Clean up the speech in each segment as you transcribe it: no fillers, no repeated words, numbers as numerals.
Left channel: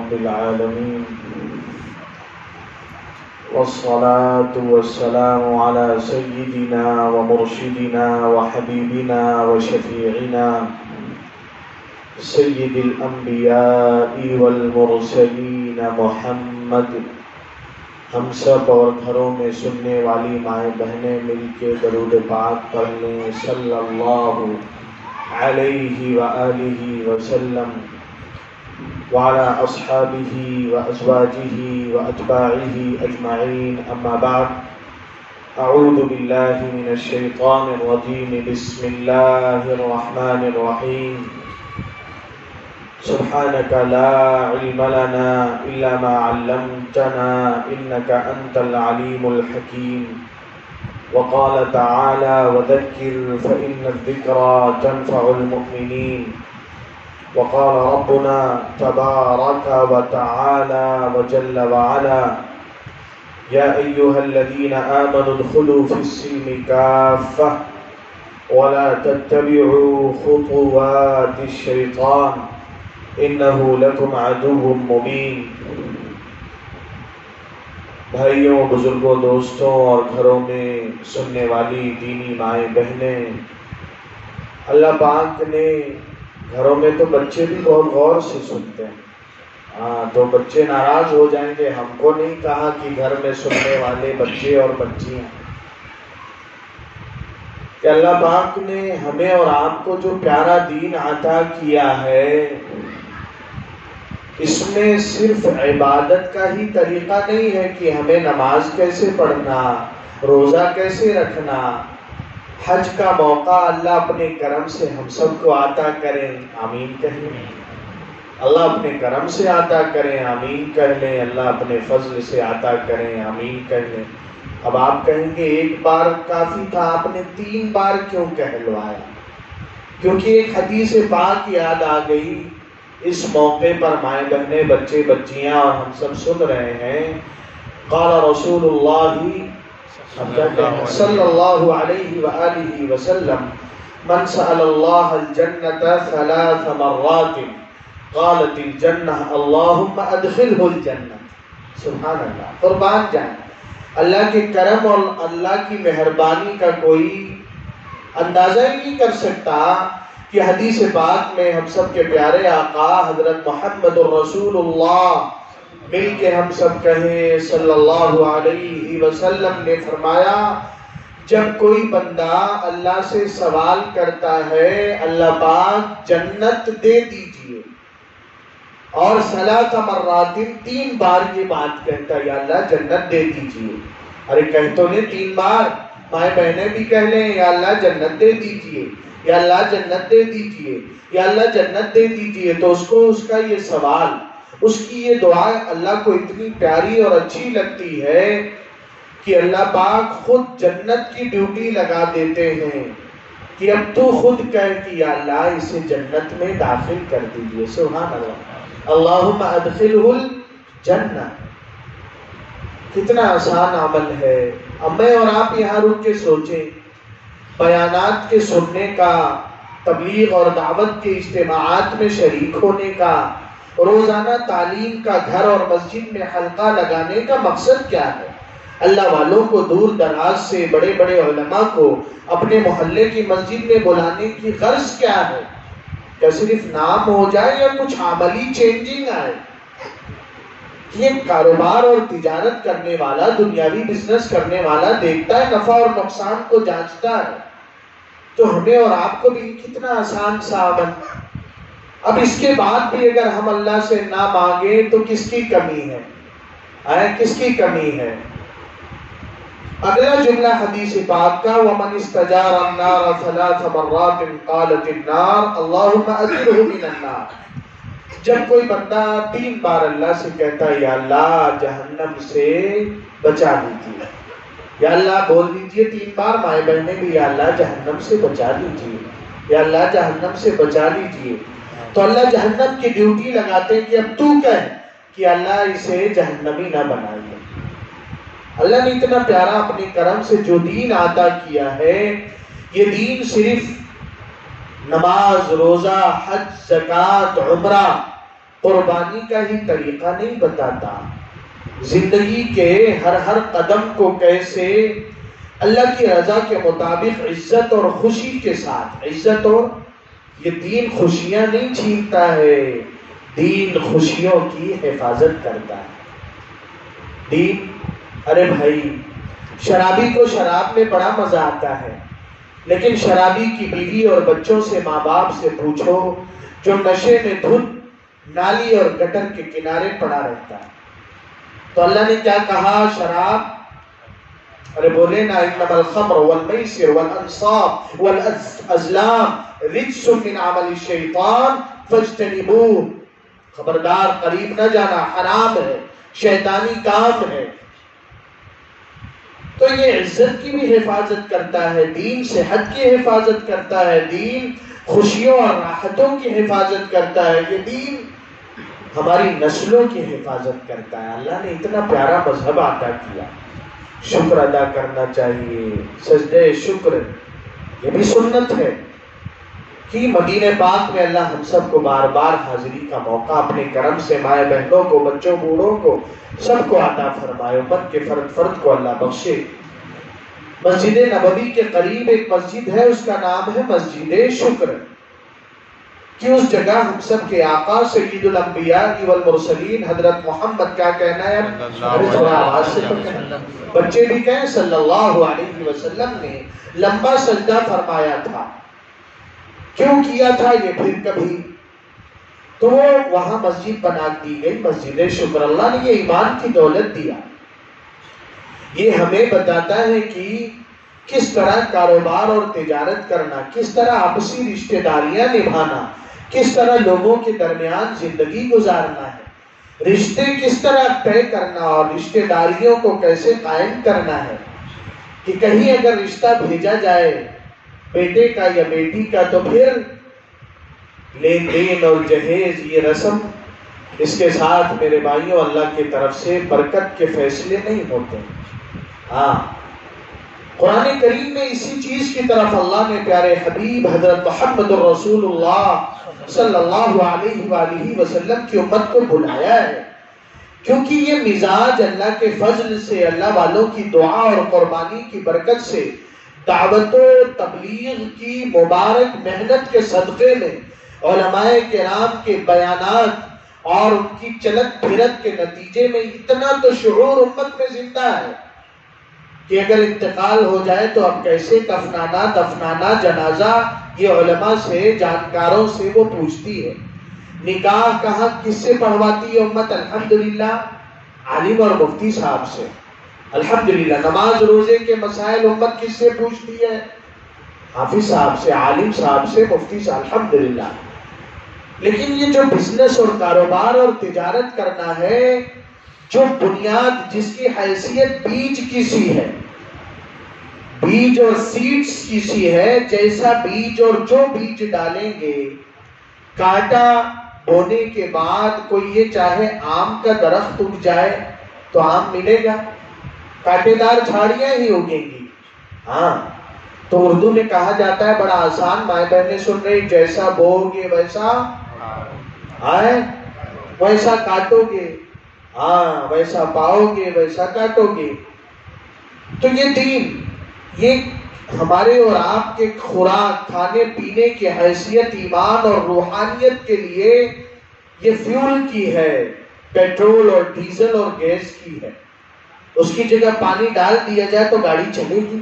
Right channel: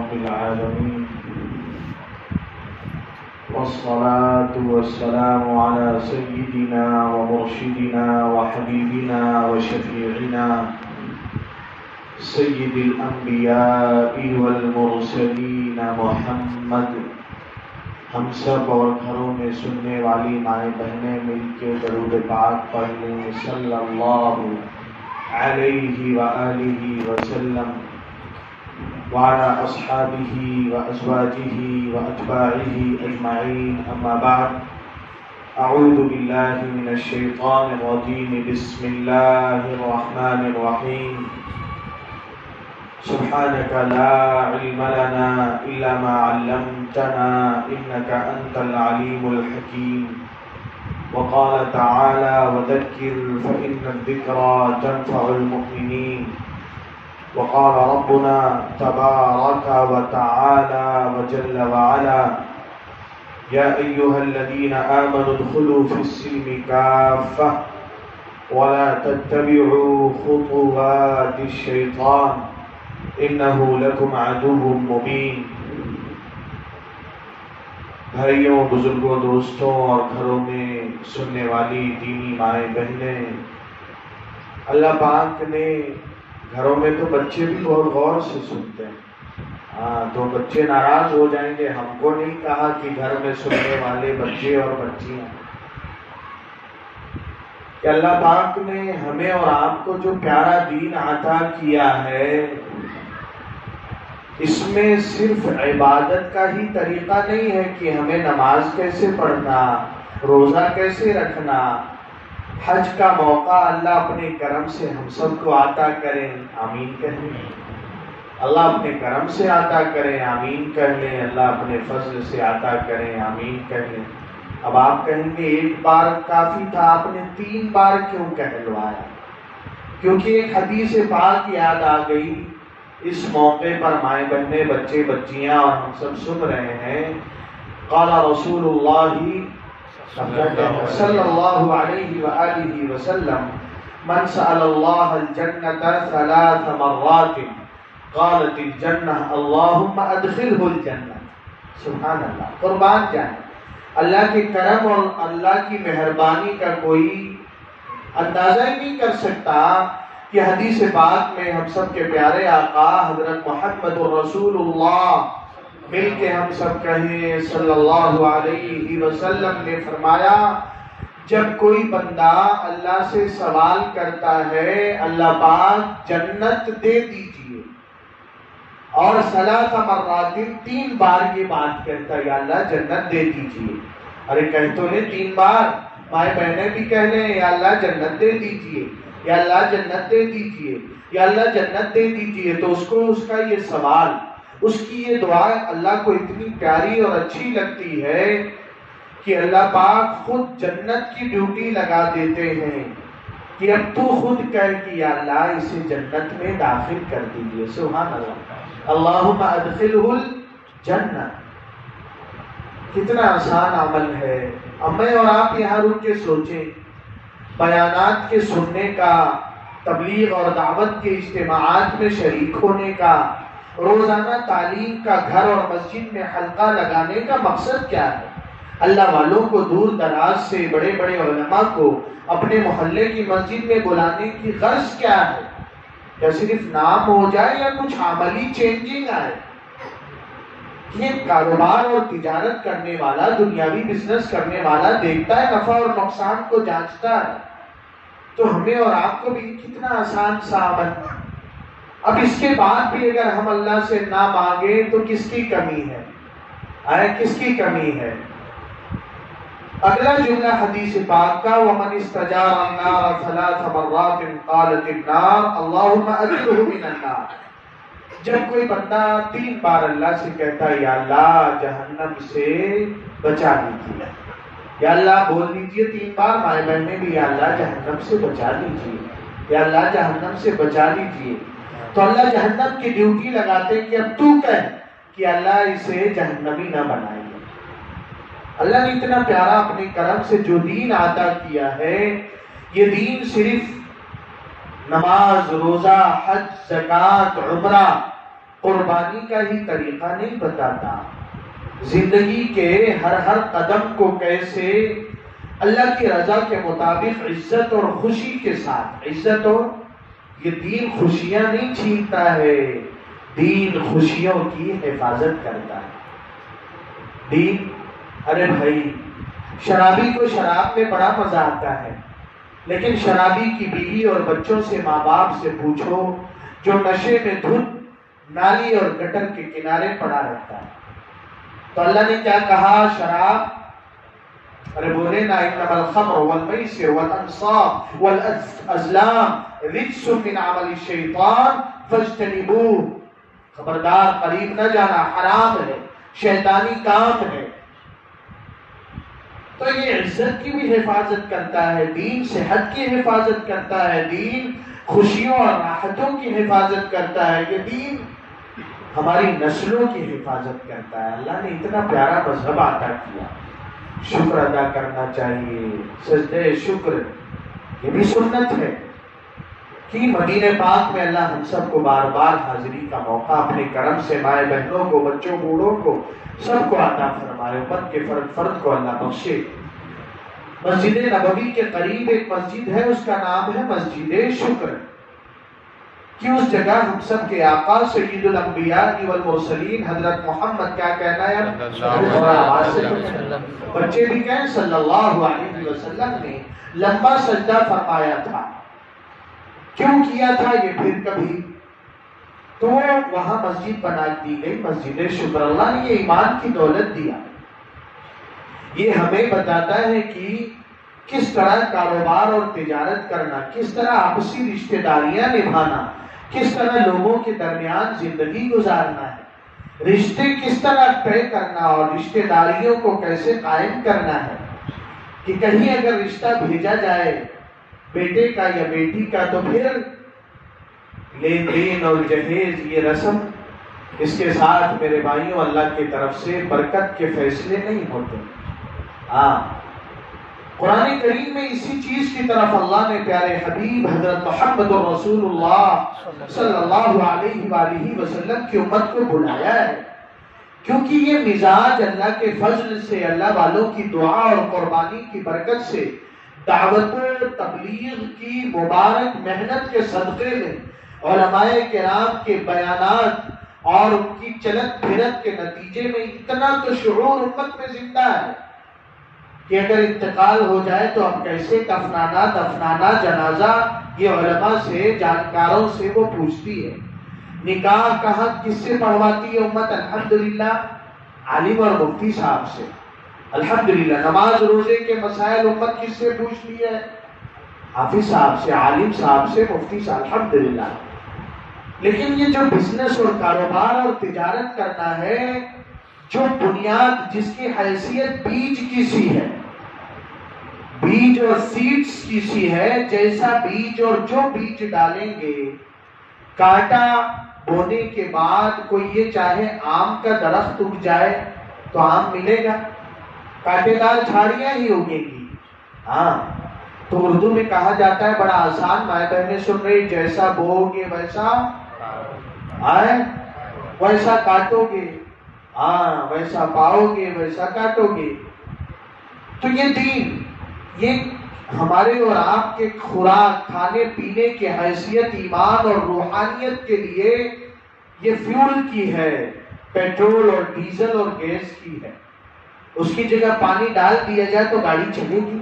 رب العالمين والصلاة والسلام على سيدنا ومرشدنا وحبيبنا وشفيعنا سيد الأنبياء والمرسلين محمد. ہم سب اور گھروں میں سننے والی مائیں بہنیں مل کے درود پاک پڑھ لیں صلی اللہ علیہ وآلہ وسلم وعلى أصحابه وأزواجه وأتباعه أجمعين. أما بعد، أعوذ بالله من الشيطان الرجيم. بسم الله الرحمن الرحيم. سبحانك لا علم لنا إلا ما علمتنا إنك أنت العليم الحكيم. وقال تعالى: وذكر فإن الذكرى تنفع المؤمنين. وقال ربنا تبارك وتعالى وجل وعلا: يا أيها الذين آمنوا ادخلوا في السلم كافة ولا تتبعوا خطوات الشيطان إنه لكم عدو مبين. بھائیوں، بزرگوں، دوستوں اور گھروں میں سننے والی دینی مائیں بہنیں، اللہ پاک نے گھروں میں تو بچے بھی بہت غور سے سنتے ہیں، تو بچے ناراض ہو جائیں گے. ہم کو نہیں کہا کہ گھر میں سننے والے بچے اور بچیاں، کہ اللہ پاک نے ہمیں اور آپ کو جو پیارا دین عطا کیا ہے، اس میں صرف عبادت کا ہی طریقہ نہیں ہے کہ ہمیں نماز کیسے پڑھنا، روزہ کیسے رکھنا. حج کا موقع اللہ اپنے کرم سے ہم سب کو عطا کریں، آمین کہیں. اللہ اپنے کرم سے عطا کریں، آمین کر لیں. اللہ اپنے فضل سے عطا کریں، آمین کر لیں. اب آپ کہیں گے ایک بار کافی تھا، آپ نے 3 بار کیوں کہلوایا؟ کیونکہ ایک حدیث پاک یاد آ گئی. اس موقع پر مائیں بہنیں، بچے بچیاں اور ہم سب سن رہے ہیں. قال رسول اللہ صلی اللہ علیہ وآلہ وسلم: من سأل اللہ الجنة 3 مرات قالت الجنہ اللہم ادخلہ الجنہ. سبحان اللہ، قربان جائیں. اللہ کے کرم اور اللہ کی مہربانی کا کوئی اندازہ ہی نہیں کر سکتا کہ حدیث پاک میں ہم سب کے پیارے آقا حضرت محمد رسول اللہ مل کے ہم سب کہیں صلی اللہ علیہ وسلم نے فرمایا: جب کوئی بندہ اللہ سے سوال کرتا ہے اللہ پاک جنت دے دیجئے، اور 3 مرات 3 بار یہ بات کہتا ہے یا اللہ جنت دے دیجئے. ارے کہیں تو نے 3 بار، مائیں بہنیں بھی کہہ لیں یا اللہ جنت دے دیجئے، یا اللہ جنت دے دیجئے، یا اللہ جنت دے دیجئے. تو اس کو اس کا یہ سوال، اس کی یہ دعا اللہ کو اتنی پیاری اور اچھی لگتی ہے کہ اللہ پاک خود جنت کی ڈیوٹی لگا دیتے ہیں کہ اب تو خود کہہ کہ یا اللہ اسے جنت میں داخل کر دیجئے. سبحان اللہ، اللہم ادخلہ الجنہ. کتنا آسان عمل ہے. اب میں اور آپ یہاں رک کے سوچیں، بیانات کے سننے کا، تبلیغ اور دعوت کے اجتماعات میں شریک ہونے کا، روزانہ تعلیم کا گھر اور مسجد میں حلقہ لگانے کا مقصد کیا ہے؟ اللہ والوں کو دور دراز سے، بڑے بڑے علماء کو اپنے محلے کی مسجد میں بلانے کی غرض کیا ہے؟ یا صرف نام ہو جائے یا کچھ عملی چینجنگ آئے؟ یہ کاروبار اور تجارت کرنے والا، دنیاوی بزنس کرنے والا دیکھتا ہے، نفع اور نقصان کو جانچتا ہے. تو ہمیں اور آپ کو بھی کتنا آسان سا عمل. اب اس کے بعد بھی اگر ہم اللہ سے نہ مانگیں تو کس کی کمی ہے؟ کس کی کمی ہے؟ اگلا جملہ حدیث پاک کا: وَمَنِ اسْتَجَارَ النَّارَ 3 مرات قالت النار اللہم اجرہ من النار. جب کوئی بندہ 3 بار اللہ سے کہتا ہے یا اللہ جہنم سے بچا لیجیے، یا اللہ بول دیجئے 3 بار مائیں بہنیں بھی یا اللہ جہنم سے بچا لیجیے، یا اللہ جہنم سے بچا لیجیے، تو اللہ جہنم کی ڈیوٹی لگاتے ہیں کہ اب تو کہہ کہ اللہ اسے جہنمی نہ بنائیے. اللہ نے اتنا پیارا اپنے کرم سے جو دین عطا کیا ہے، یہ دین صرف نماز، روزہ، حج، زکوٰۃ، عمرہ قربانی کا ہی طریقہ نہیں بتاتا، زندگی کے ہر قدم کو کیسے اللہ کی رضا کے مطابق عزت اور خوشی کے ساتھ، عزت اور یہ دین خوشیاں نہیں چھینتا ہے، دین خوشیوں کی حفاظت کرتا ہے۔ دین، ارے بھائی شرابی کو شراب میں بڑا مزہ آتا ہے، لیکن شرابی کی بیوی اور بچوں سے، ماں باپ سے پوچھو جو نشے میں دھت نالی اور گٹر کے کنارے پڑا رہتا ہے۔ تو اللہ نے کیا کہا؟ شراب، ارے بولے نا، انما الخمر والمیسر والانصاب والازلام رجس من عمل الشیطان فاجتنبوہ، خبردار قریب نہ جانا، حرام ہے، شیطانی کام ہے۔ تو یہ عزت کی بھی حفاظت کرتا ہے، دین صحت کی حفاظت کرتا ہے، دین خوشیوں اور راحتوں کی حفاظت کرتا ہے، یہ دین ہماری نسلوں کی حفاظت کرتا ہے۔ اللہ نے اتنا پیارا مذہب عطا کیا، شکر ادا کرنا چاہیے، سجدہ شکر، یہ بھی سنت ہے کہ مدینہ پاک میں اللہ ہم سب کو بار بار حاضری کا موقع اپنے کرم سے مائیں بہنوں کو، بچوں بوڑھوں کو، سب کو عطا فرمائے، امت کے فرد فرد کو اللہ بخشے۔ مسجد نبوی کے قریب ایک مسجد ہے، اس کا نام ہے مسجد شکر، کہ اس جگہ ہم سب کے آقا سید الانبیاء والمرسلین حضرت محمد، کیا کہنا ہے، بچے بھی کہیں صلی اللہ علیہ وسلم نے لمبا سجدہ فرمایا تھا۔ کیوں کیا تھا یہ پھر کبھی؟ تو وہاں مسجد بنا دی گئی، مسجد شکر۔ اللہ نے یہ ایمان کی دولت دیا، یہ ہمیں بتاتا ہے کہ کس طرح کاروبار اور تجارت کرنا، کس طرح آپسی رشتہ داریاں نبھانا، کس طرح لوگوں کے درمیان زندگی گزارنا ہے، رشتے کس طرح طے کرنا اور رشتہ داریوں کو کیسے قائم کرنا ہے، کہ کہیں اگر رشتہ بھیجا جائے بیٹے کا یا بیٹی کا تو پھر لین دین اور جہیز، یہ رسم، اس کے ساتھ میرے بھائیوں اللہ کی طرف سے برکت کے فیصلے نہیں ہوتے۔ ہاں، قرآن کریم میں اسی چیز کی طرف اللہ نے پیارے حبیب حضرت محمد رسول اللہ صلی اللہ علیہ وآلہ وسلم کی امت کو بلایا ہے، کیونکہ یہ مزاج اللہ کے فضل سے، اللہ والوں کی دعا اور قربانی کی برکت سے، دعوت و تبلیغ کی مبارک محنت کے صدقے میں، علماء کرام کے بیانات اور ان کی چلت پھرت کے نتیجے میں اتنا تو شعور امت میں زندہ ہے کہ اگر انتقال ہو جائے تو اب کیسے دفنانا جنازہ، یہ علماء سے، جانکاروں سے وہ پوچھتی ہے۔ نکاح کہاں کس سے پڑھواتی ہے امت؟ الحمدللہ عالم اور مفتی صاحب سے، الحمدللہ۔ نماز روزے کے مسائل امت کس سے پوچھتی ہے؟ حافظ صاحب سے، عالم صاحب سے، مفتی سے، الحمدللہ۔ لیکن یہ جو بزنس اور کاروبار اور تجارت کرنا ہے، جو بنیاد جس کی حیثیت بیج کی سی ہے، بیج اور سیڈز کی سی ہے، جیسا بیج اور جو بیج ڈالیں گے، کاٹا بونے کے بعد کوئی یہ چاہے آم کا درخت اگ جائے تو آم ملے گا؟ کانٹے دار جھاڑیاں ہی اگیں گی۔ ہاں، تو اردو میں کہا جاتا ہے بڑا آسان، مائیں بہنیں سن رہی، جیسا بو گے ویسا ویسا کاٹو گے، ہاں ویسا پاؤ گے ویسا کاٹو گے۔ تو یہ دین، یہ ہمارے اور آپ کے خوراک، کھانے پینے کی حیثیت ایمان اور روحانیت کے لیے یہ فیول کی ہے، پیٹرول اور ڈیزل اور گیس کی ہے۔ اس کی جگہ پانی ڈال دیا جائے تو گاڑی چلے گی،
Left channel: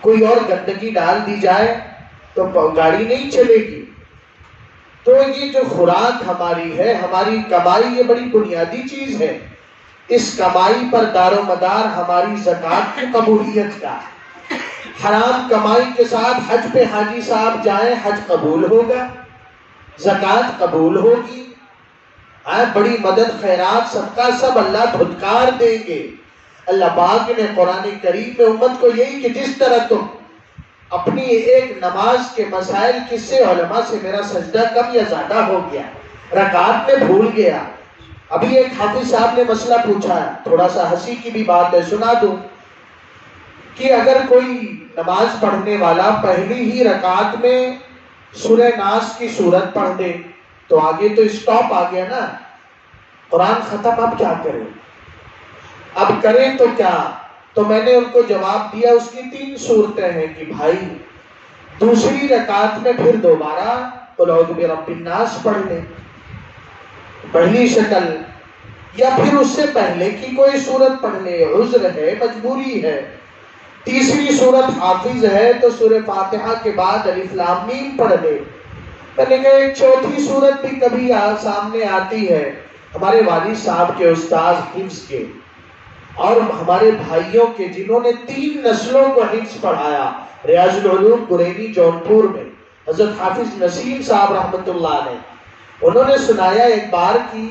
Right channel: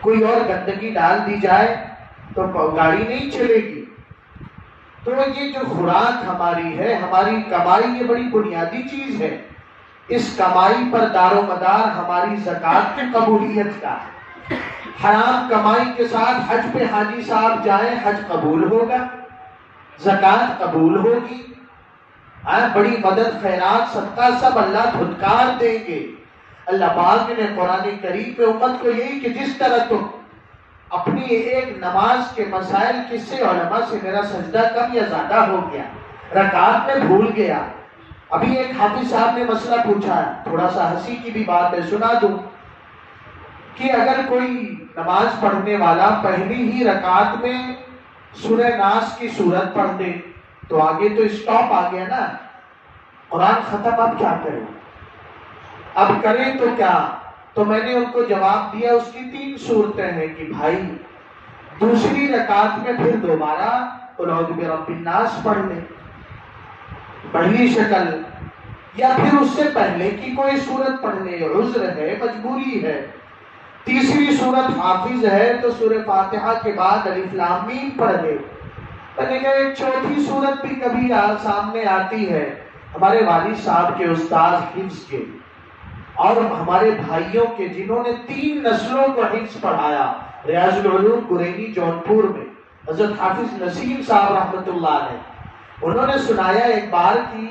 کوئی اور گندگی ڈال دی جائے تو گاڑی نہیں چلے گی۔ تو یہ جو خوراک ہماری ہے، ہماری کمائی، یہ بڑی بنیادی چیز ہے۔ اس کمائی پر دار و مدار ہماری زکوٰۃ کی قبولیت کا ہے۔ حرام کمائی کے ساتھ حج پہ حاجی صاحب جائیں، حج قبول ہوگا، زکوٰۃ قبول ہوگی، بڑی مدد، خیرات، صدقہ سب اللہ دھتکار دیں گے۔ اللہ پاک نے قرآن کریم میں امت کو یہی کہ جس طرح تم اپنی ایک نماز کے مسائل، کس سے؟ علماء سے، میرا سجدہ کم یا زیادہ ہو گیا، رکعت میں بھول گیا۔ ابھی ایک حافظ صاحب نے مسئلہ پوچھا ہے، تھوڑا سا ہنسی کی بھی بات ہے، سنا دوں، کہ اگر کوئی نماز پڑھنے والا پہلی ہی رکعت میں سورہ ناس کی سورت پڑھ دے تو آگے تو اسٹاپ آ گیا نا، قرآن ختم، اب کیا کریں، اب کریں تو کیا؟ تو میں نے ان کو جواب دیا اس کی 3 صورتیں ہیں کہ بھائی دوسری رکعت میں پھر دوبارہ قل اعوذ برب الناس پڑھ لیں، پہلی شکل، یا پھر اس سے پہلے کی کوئی صورت پڑھ لے، عذر ہے، مجبوری ہے۔ تیسری صورت حافظ ہے تو سورہ فاتحہ کے بعد الف لام میم پڑھ لے۔ میں نے کہا ایک چوتھی صورت بھی کبھی سامنے آتی ہے، ہمارے والد صاحب کے استاذ حفظ کے اور ہمارے بھائیوں کے جنہوں نے 3 نسلوں کو حفظ پڑھایا، ریاض العلوم گرینی جونپور میں حضرت حافظ نسیم صاحب رحمت اللہ علیہ، انہوں نے سنایا ایک بار کی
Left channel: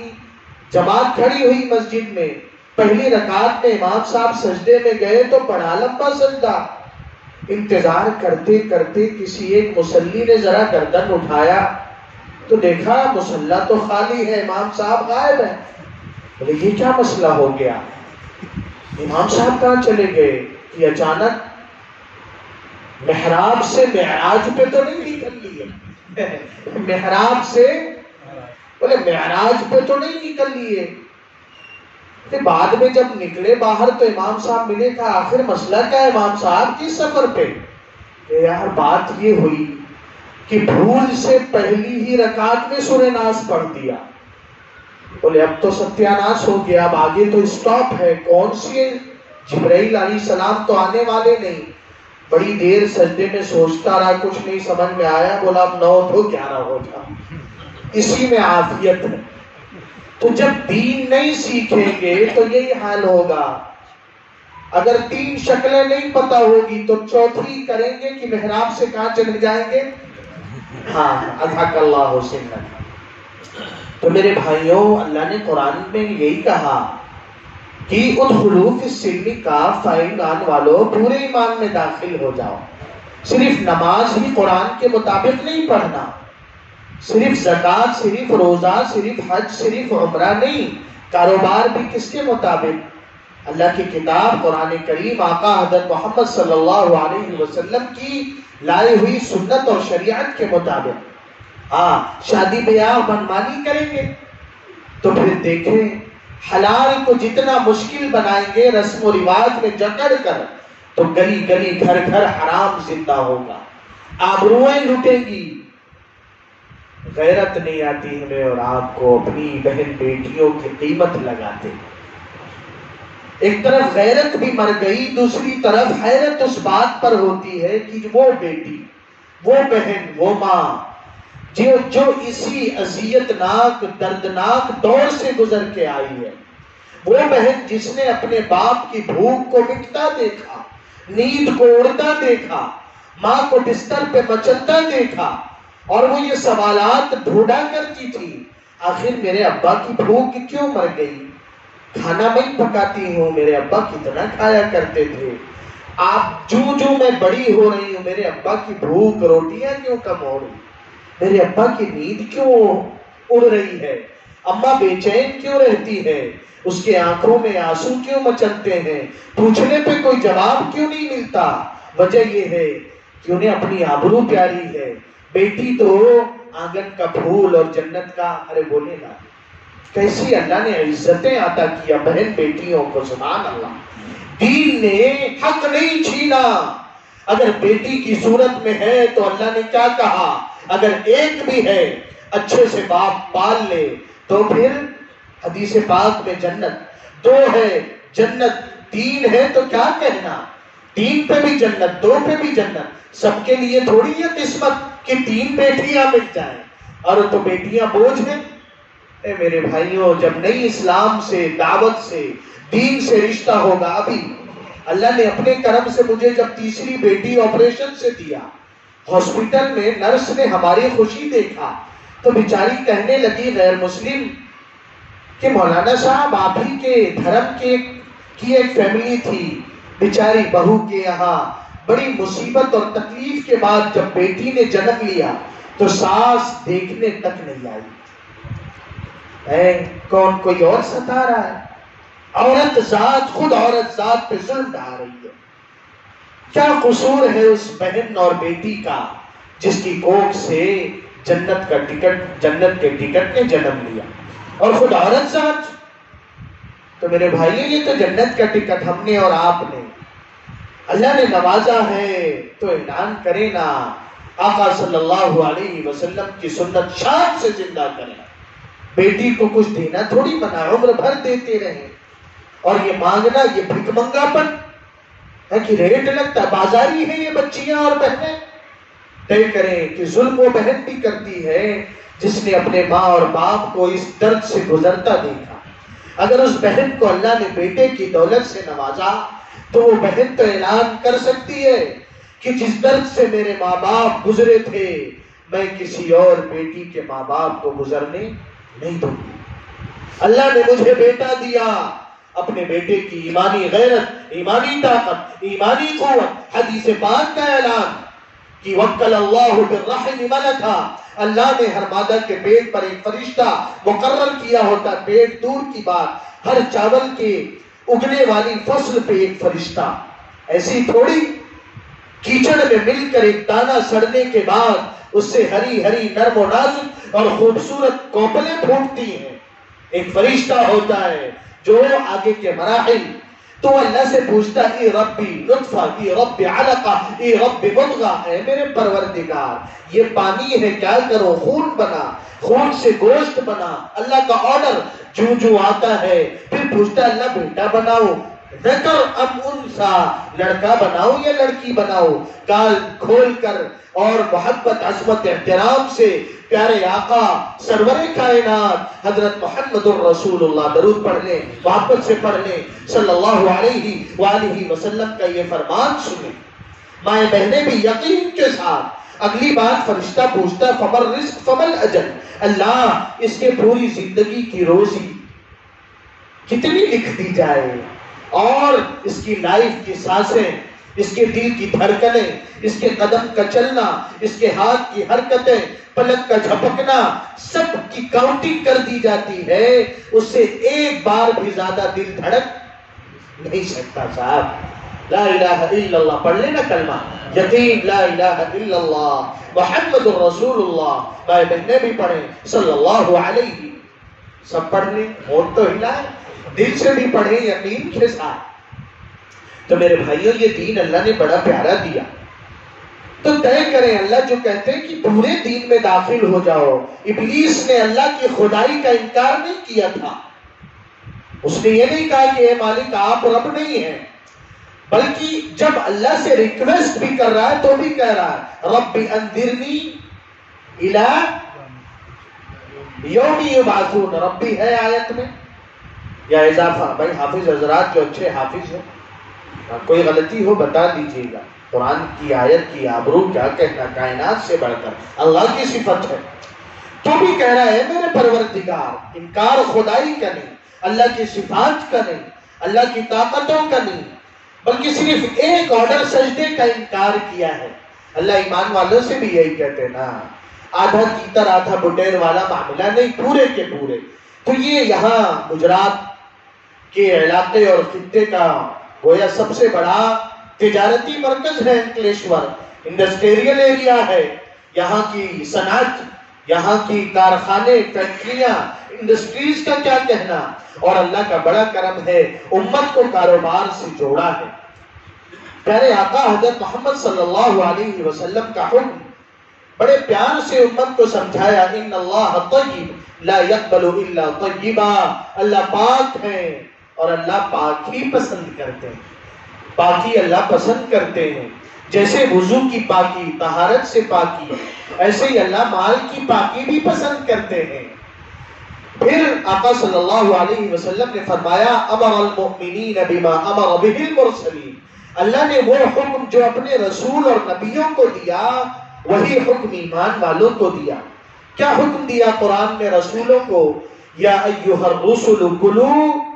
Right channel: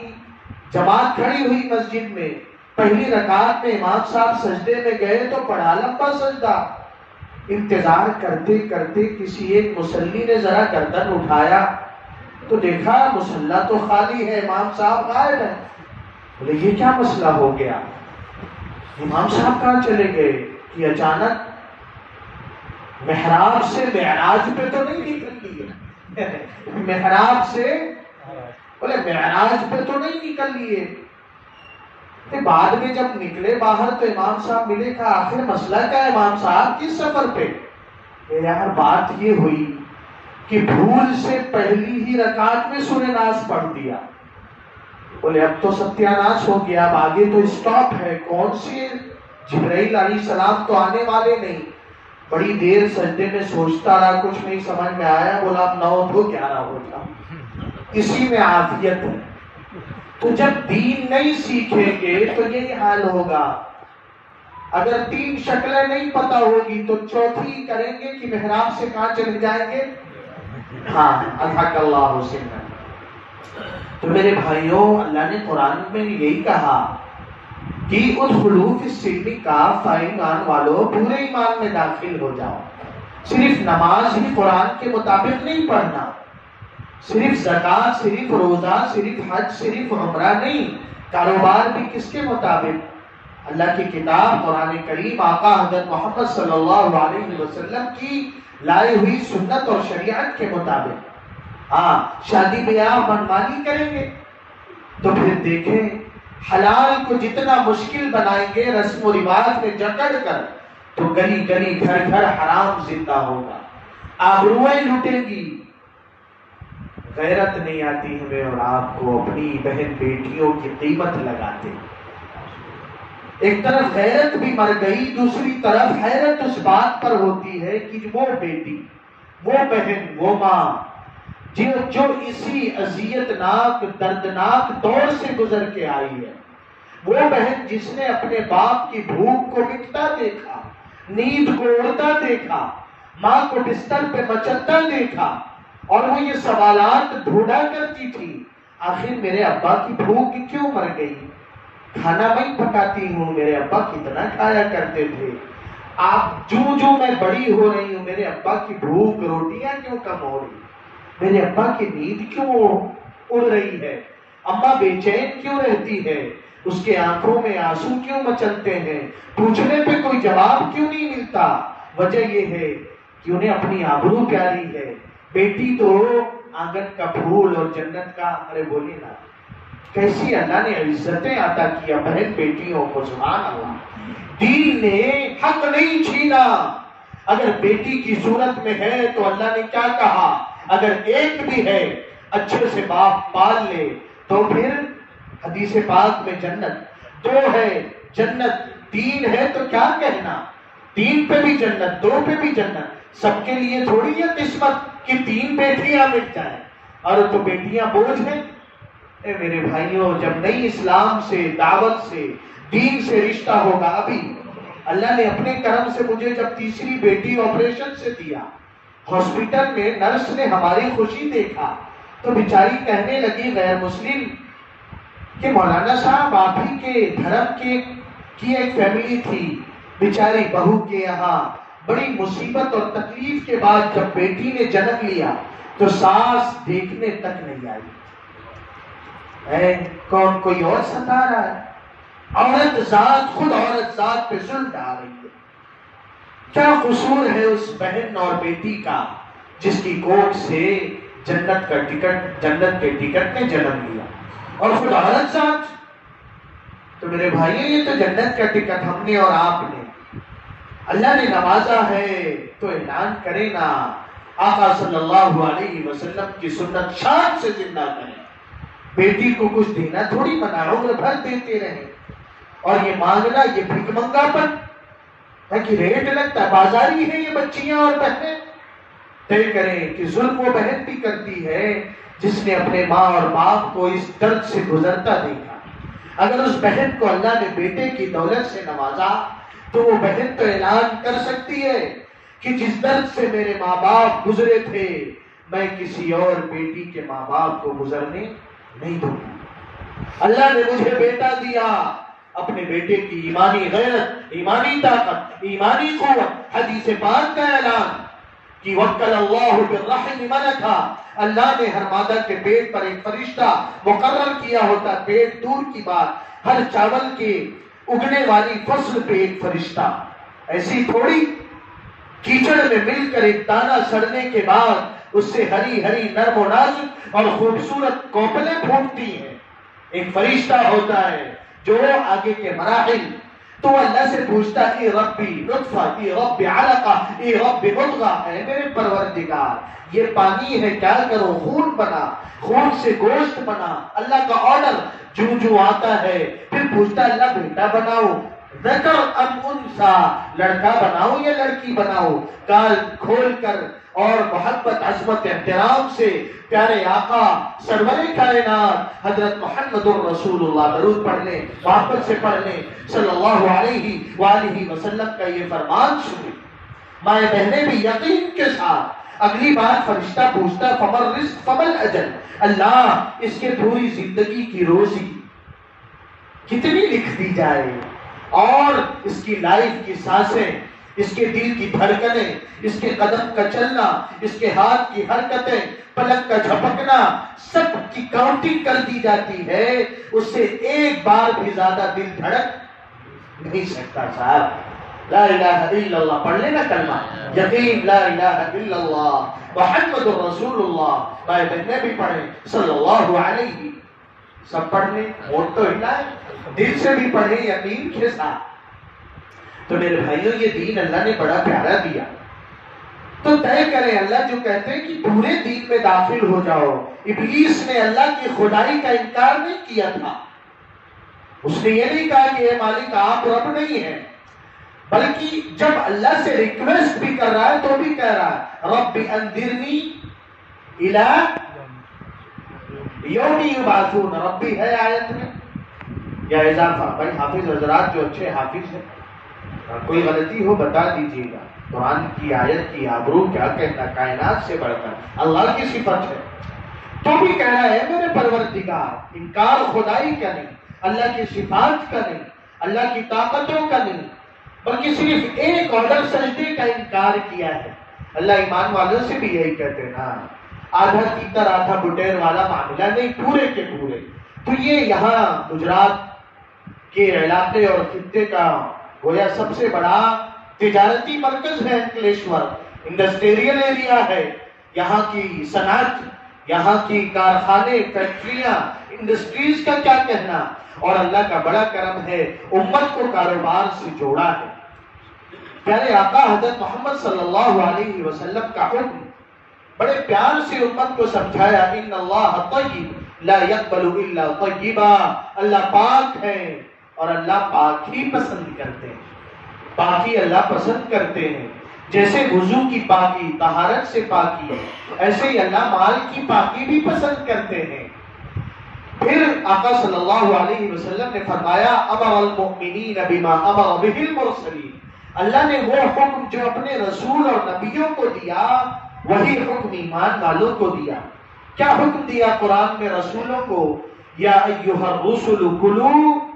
جماعت کھڑی ہوئی مسجد میں، پہلی رکعت میں امام صاحب سجدے میں گئے تو پڑھا لمبا سجدہ، انتظار کرتے کرتے کسی ایک مصلی نے ذرا گردن اٹھایا تو دیکھا مصلی تو خالی ہے، امام صاحب غائب ہے۔ بولے یہ کیا مسئلہ ہو گیا، امام صاحب کہاں چلے گئے؟ کہ اچانک محراب سے معراج پہ تو نہیں نکل لیے، محراب سے، بولے معراج پہ تو نہیں نکل لیے۔ بعد میں جب نکلے باہر تو امام صاحب ملے، کہا آخر مسئلہ کیا ہے امام صاحب، کس سفر پہ؟ کہ یار بات یہ ہوئی کہ بھول سے پہلی ہی رکعت میں سورہ ناس پڑھ دیا۔ بولے اب تو ستیاناش ہو گیا، اب آگے تو اسٹاپ ہے، کون سی؟ جبرائیل علیہ السلام تو آنے والے نہیں۔ بڑی دیر سجدے میں سوچتا رہا، کچھ نہیں سمجھ میں آیا، بولا اب 9 تو 11 ہو جا، اسی میں عافیت ہے۔ تو جب دین نہیں سیکھیں گے تو یہی حال ہوگا، اگر 3 شکلیں نہیں پتا ہوگی تو چوتھی کریں گے کہ محراب سے کہاں چلے جائیں گے؟ ہاں، اضحک اللہ حسین۔ تو میرے بھائیوں، اللہ نے قرآن میں یہی کہا کہ ادخلوا فی السلم کافہ، ایمان والو پورے ایمان میں داخل ہو جاؤ۔ صرف نماز ہی قرآن کے مطابق نہیں پڑھنا، صرف زکوٰۃ، صرف روزہ، صرف حج، صرف عمرہ نہیں، کاروبار بھی کس کے مطابق؟ اللہ کی کتاب قرآن کریم، آقا حضرت محمد صلی اللہ علیہ وسلم کی لائی ہوئی سنت اور شریعت کے مطابق۔ ہاں، شادی بیاہ منمانی کریں گے تو پھر دیکھیں حلال کو جتنا مشکل بنائیں گے رسم و رواج میں جکڑ کر، تو گلی گلی گھر گھر حرام زندہ ہوگا، آبروئیں لوٹیں گی۔ غیرت نہیں آتی ہمیں اور آپ کو، اپنی بہن بیٹیوں کی قیمت لگاتے۔ ایک طرف غیرت بھی مر گئی، دوسری طرف حیرت اس بات پر ہوتی ہے کہ وہ بیٹی، وہ بہن، وہ ماں جو اسی اذیت ناک دردناک دور سے گزر کے آئی ہے، وہ بہن جس نے اپنے باپ کی بھوک کو مٹتا دیکھا، نیند کو اڑتا دیکھا، ماں کو بستر پہ مچلتا دیکھا، اور وہ یہ سوالات ڈھونڈا کرتی تھی، آخر میرے ابا کی بھوک کیوں مر گئی؟ کھانا میں پکاتی ہوں، میرے ابا کتنا کھایا کرتے تھے، آپ جو میں بڑی ہو رہی ہوں میرے ابا کی بھوک، روٹیاں کیوں کم ہو رہی، میرے ابا کی نیند کیوں اڑ رہی ہے، اماں بے چین کیوں رہتی ہے، اس کے آنکھوں میں آنسو کیوں مچلتے ہیں، پوچھنے پہ کوئی جواب کیوں نہیں ملتا؟ وجہ یہ ہے کہ انہیں اپنی آبرو پیاری ہے۔ بیٹی تو آنگن کا پھول اور جنت کا، ارے بولے نا کیسی اللہ نے عزتیں عطا کیا بہن بیٹیوں کو، سبحان اللہ۔ دین نے حق نہیں چھینا، اگر بیٹی کی صورت میں ہے تو اللہ نے کیا کہا، اگر ایک بھی ہے اچھے سے باپ پال لے تو پھر حدیث پاک میں جنت، 2 ہے جنت، 3 ہے تو کیا کہنا، 3 پہ بھی جنت، 2 پہ بھی جنت۔ سب کے لیے تھوڑی ہے قسمت کہ 3 بیٹیاں مل جائیں، اور تو بیٹیاں بوجھ ہیں۔ اے میرے بھائیوں، جب نئی اسلام سے، دعوت سے، دین سے رشتہ ہوگا، ابھی اللہ نے اپنے کرم سے مجھے جب تیسری بیٹی آپریشن سے دیا، ہاسپٹل میں نرس نے ہماری خوشی دیکھا تو بیچاری کہنے لگی غیر مسلم کہ مولانا صاحب آپ ہی کے دھرم کی ایک فیملی تھی، بیچاری بہو کے یہاں بڑی مصیبت اور تکلیف کے بعد جب بیٹی نے جنم لیا تو ساس دیکھنے تک نہیں آئی۔ کون کوئی اور ستا رہا ہے؟ عورت ذات، خود عورت ذات پہ ظلم ڈھا رہی ہے۔ کیا قصور ہے اس بہن اور بیٹی کا جس کی کوکھ سے جنت کے ٹکٹ نے جنم لیا؟ اور خود عورت ساتھ. تو میرے بھائیوں یہ تو جنت کا ٹکٹ ہم نے اور آپ نے. اللہ نے نوازا ہے تو اعلان کرے نا. آقا صلی اللہ علیہ وسلم کی سنت شان سے زندہ کریں. بیٹی کو کچھ دینا تھوڑی منع, عمر بھر دیتے رہیں. اور یہ مانگنا یہ بھک منگا پن ہے کہ ریٹ لگتا ہے, بازاری ہے یہ بچیاں اور بہنیں. طے کریں کہ ظلم وہ بہن بھی کرتی ہے جس نے اپنے ماں اور باپ کو اس درد سے گزرتا دیکھا. اگر اس بہن کو اللہ نے بیٹے کی دولت سے نوازا تو وہ بہن تو اعلان کر سکتی ہے کہ جس درد سے میرے ماں باپ گزرے تھے میں کسی اور بیٹی کے ماں باپ کو گزرنے نہیں دوں گی. اللہ نے مجھے بیٹا دیا, اپنے بیٹے کی ایمانی غیرت, ایمانی طاقت, ایمانی قوت. حدیث پاک کا اعلان کہ وکل اللہ بالرحم ملکا, اللہ نے ہر مادہ کے پیٹ پر ایک فرشتہ مقرر کیا ہوتا. پیٹ دور کی بات, ہر چاول کے اگنے والی فصل پہ ایک فرشتہ. ایسی تھوڑی کیچڑ میں مل کر ایک دانہ سڑنے کے بعد اس سے ہری ہری نرم و نازک اور خوبصورت کوپلیں پھوٹتی ہیں. ایک فرشتہ ہوتا ہے جو آگے کے مراحل. تو اللہ سے پوچھتا اے ربی نطفہ, اے رب علقہ, اے رب مضغہ, اے میرے پروردگار یہ پانی ہے کیا کرو, خون بنا, خون سے گوشت بنا. اللہ کا آرڈر جو آتا ہے. پھر پوچھتا اللہ بیٹا بناؤ, ذکر ام انسا, لڑکا بناؤ یا لڑکی بناؤ. کال کھول کر اور محبت عظمت احترام سے پیارے آقا سرور کائنات حضرت محمد الرسول اللہ, درود پڑھ لیں, محبت سے پڑھ لیں, صلی اللہ علیہ وآلہ وسلم کا یہ فرمان سنیں. مائیں بہنیں بھی یقین کے ساتھ. اگلی بات فرشتہ پوچھتا فمر رزق فمل اجل, اللہ اس کے پوری زندگی کی روزی کتنی لکھ دی جائے, اور اس کی لائف کی سانسیں, اس کے دل کی دھڑکنیں, اس کے قدم کا چلنا, اس کے ہاتھ کی حرکتیں, پلک کا جھپکنا, سب کی کاؤنٹنگ کر دی جاتی ہے. اس سے ایک بار بھی زیادہ دل دھڑک نہیں سکتا. صاحب لا الہ الا اللہ پڑھ لینا کلمہ یقین, لا الہ الا اللہ محمد الرسول اللہ. بھائی بہنیں بھی پڑھیں صلی اللہ علیہ, سب پڑھ لیں, ہونٹ تو ہلائیں, دل سے بھی پڑھیں یقین کے ساتھ. تو میرے بھائیوں یہ دین اللہ نے بڑا پیارا دیا. تو طے کریں, اللہ جو کہتے ہیں کہ پورے دین میں داخل ہو جاؤ. ابلیس نے اللہ کی خدائی کا انکار نہیں کیا تھا. اس نے یہ نہیں کہا کہ اے مالک آپ رب نہیں ہیں, بلکہ جب اللہ سے ریکویسٹ بھی کر رہا ہے تو بھی کہہ رہا ہے رب انذرنی الی یوم یبعثون. رب بھی ہے آیت میں یا اضافہ؟ بھائی حافظ حضرات جو اچھے حافظ ہیں, کوئی غلطی ہو بتا دیجیے گا. قرآن کی آیت کی آبرو کیا کہنا, کائنات سے بڑھ کر اللہ کی صفت ہے. تو بھی کہہ رہا ہے میرے پروردگار. انکار خدائی کا نہیں, اللہ کی صفات کا نہیں, اللہ کی طاقتوں کا نہیں, بلکہ صرف ایک آرڈر سجدے کا انکار کیا ہے. اللہ ایمان والوں سے بھی یہی کہتے ہیں نا, آدھا تیتر آدھا بٹیر والا معاملہ نہیں, پورے کے پورے. تو یہ یہاں گجرات کے علاقے اور خطے کا گویا سب سے بڑا تجارتی مرکز ہے انکلیشور, انڈسٹریل ایریا ہے. یہاں کی صنعت, یہاں کی کارخانے, فیکٹریاں, انڈسٹریز کا کیا کہنا. اور اللہ کا بڑا کرم ہے, امت کو کاروبار سے جوڑا ہے. پیارے آقا حضرت محمد صلی اللہ علیہ وسلم کا حکم بڑے پیار سے امت کو سمجھایا, ان اللہ طیب لا يقبل الا طیبا. اللہ پاک ہے اور اللہ پاک ہی پسند کرتے ہیں. پاکی اللہ پسند کرتے ہیں. جیسے وضو کی پاکی, طہارت سے پاکی, ایسے ہی اللہ مال کی پاکی بھی پسند کرتے ہیں. پھر آقا صلی اللہ علیہ وسلم نے فرمایا امر المؤمنین بما امر به المرسلین. اللہ نے وہ حکم جو اپنے رسول اور نبیوں کو دیا وہی حکم ایمان والوں کو دیا. کیا حکم دیا قرآن میں رسولوں کو؟ یا ایھا الرسل کلوا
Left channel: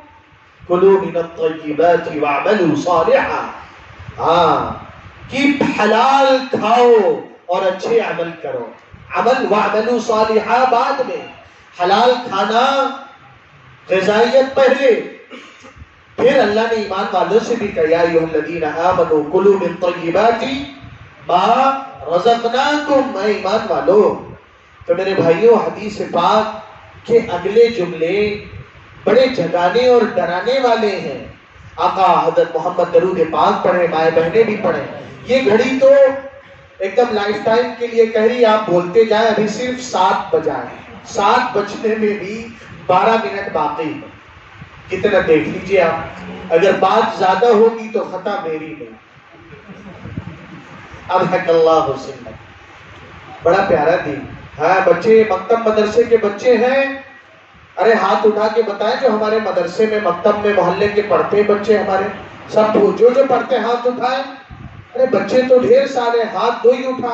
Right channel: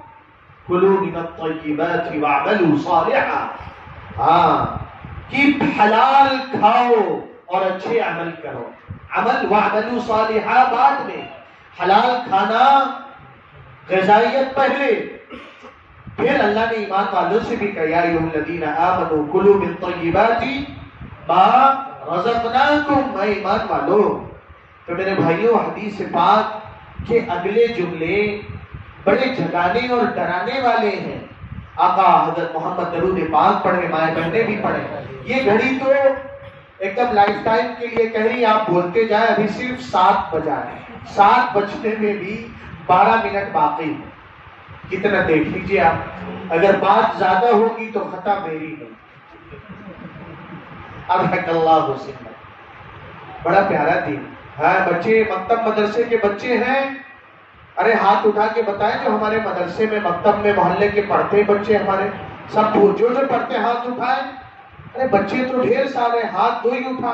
من الطیبات واعملوا صالحا. ہاں کہ حلال کھاؤ اور اچھے عمل کرو. عمل واعملوا صالحا بعد میں, حلال کھانا غذائیت پہلے. پھر اللہ نے ایمان والوں سے بھی کہا یا ایھا الذین آمنوا کلوا من طیبات ما رزقناکم. اے ایمان والو. تو میرے بھائیوں حدیث پاک کہ اگلے جملے بڑے جگانے اور ڈرانے والے ہیں. آقا حضرت محمد درود پاک پڑھیں، مائیں بہنیں بھی پڑھیں. یہ گھڑی تو ایک دم لائف ٹائم کے لیے کہہ رہی، آپ بولتے جائیں. ابھی صرف 7 بجائے، 7 بجنے میں بھی 12 منٹ باقی. کتنا دیکھ لیجئے آپ، اگر بات زیادہ ہوگی تو خطا میری نہیں. ابحق اللہ حسن. بڑا پیارا دین. ہاں بچے مکتب مدرسے کے بچے ہیں، ارے ہاتھ اٹھا کے بتائیں جو ہمارے مدرسے میں مکتب میں محلے کے پڑھتے بچے ہمارے سب جو پڑھتے ہاتھ اٹھائیں. ارے بچے تو ڈھیر سارے، ہاتھ دو ہی اٹھا.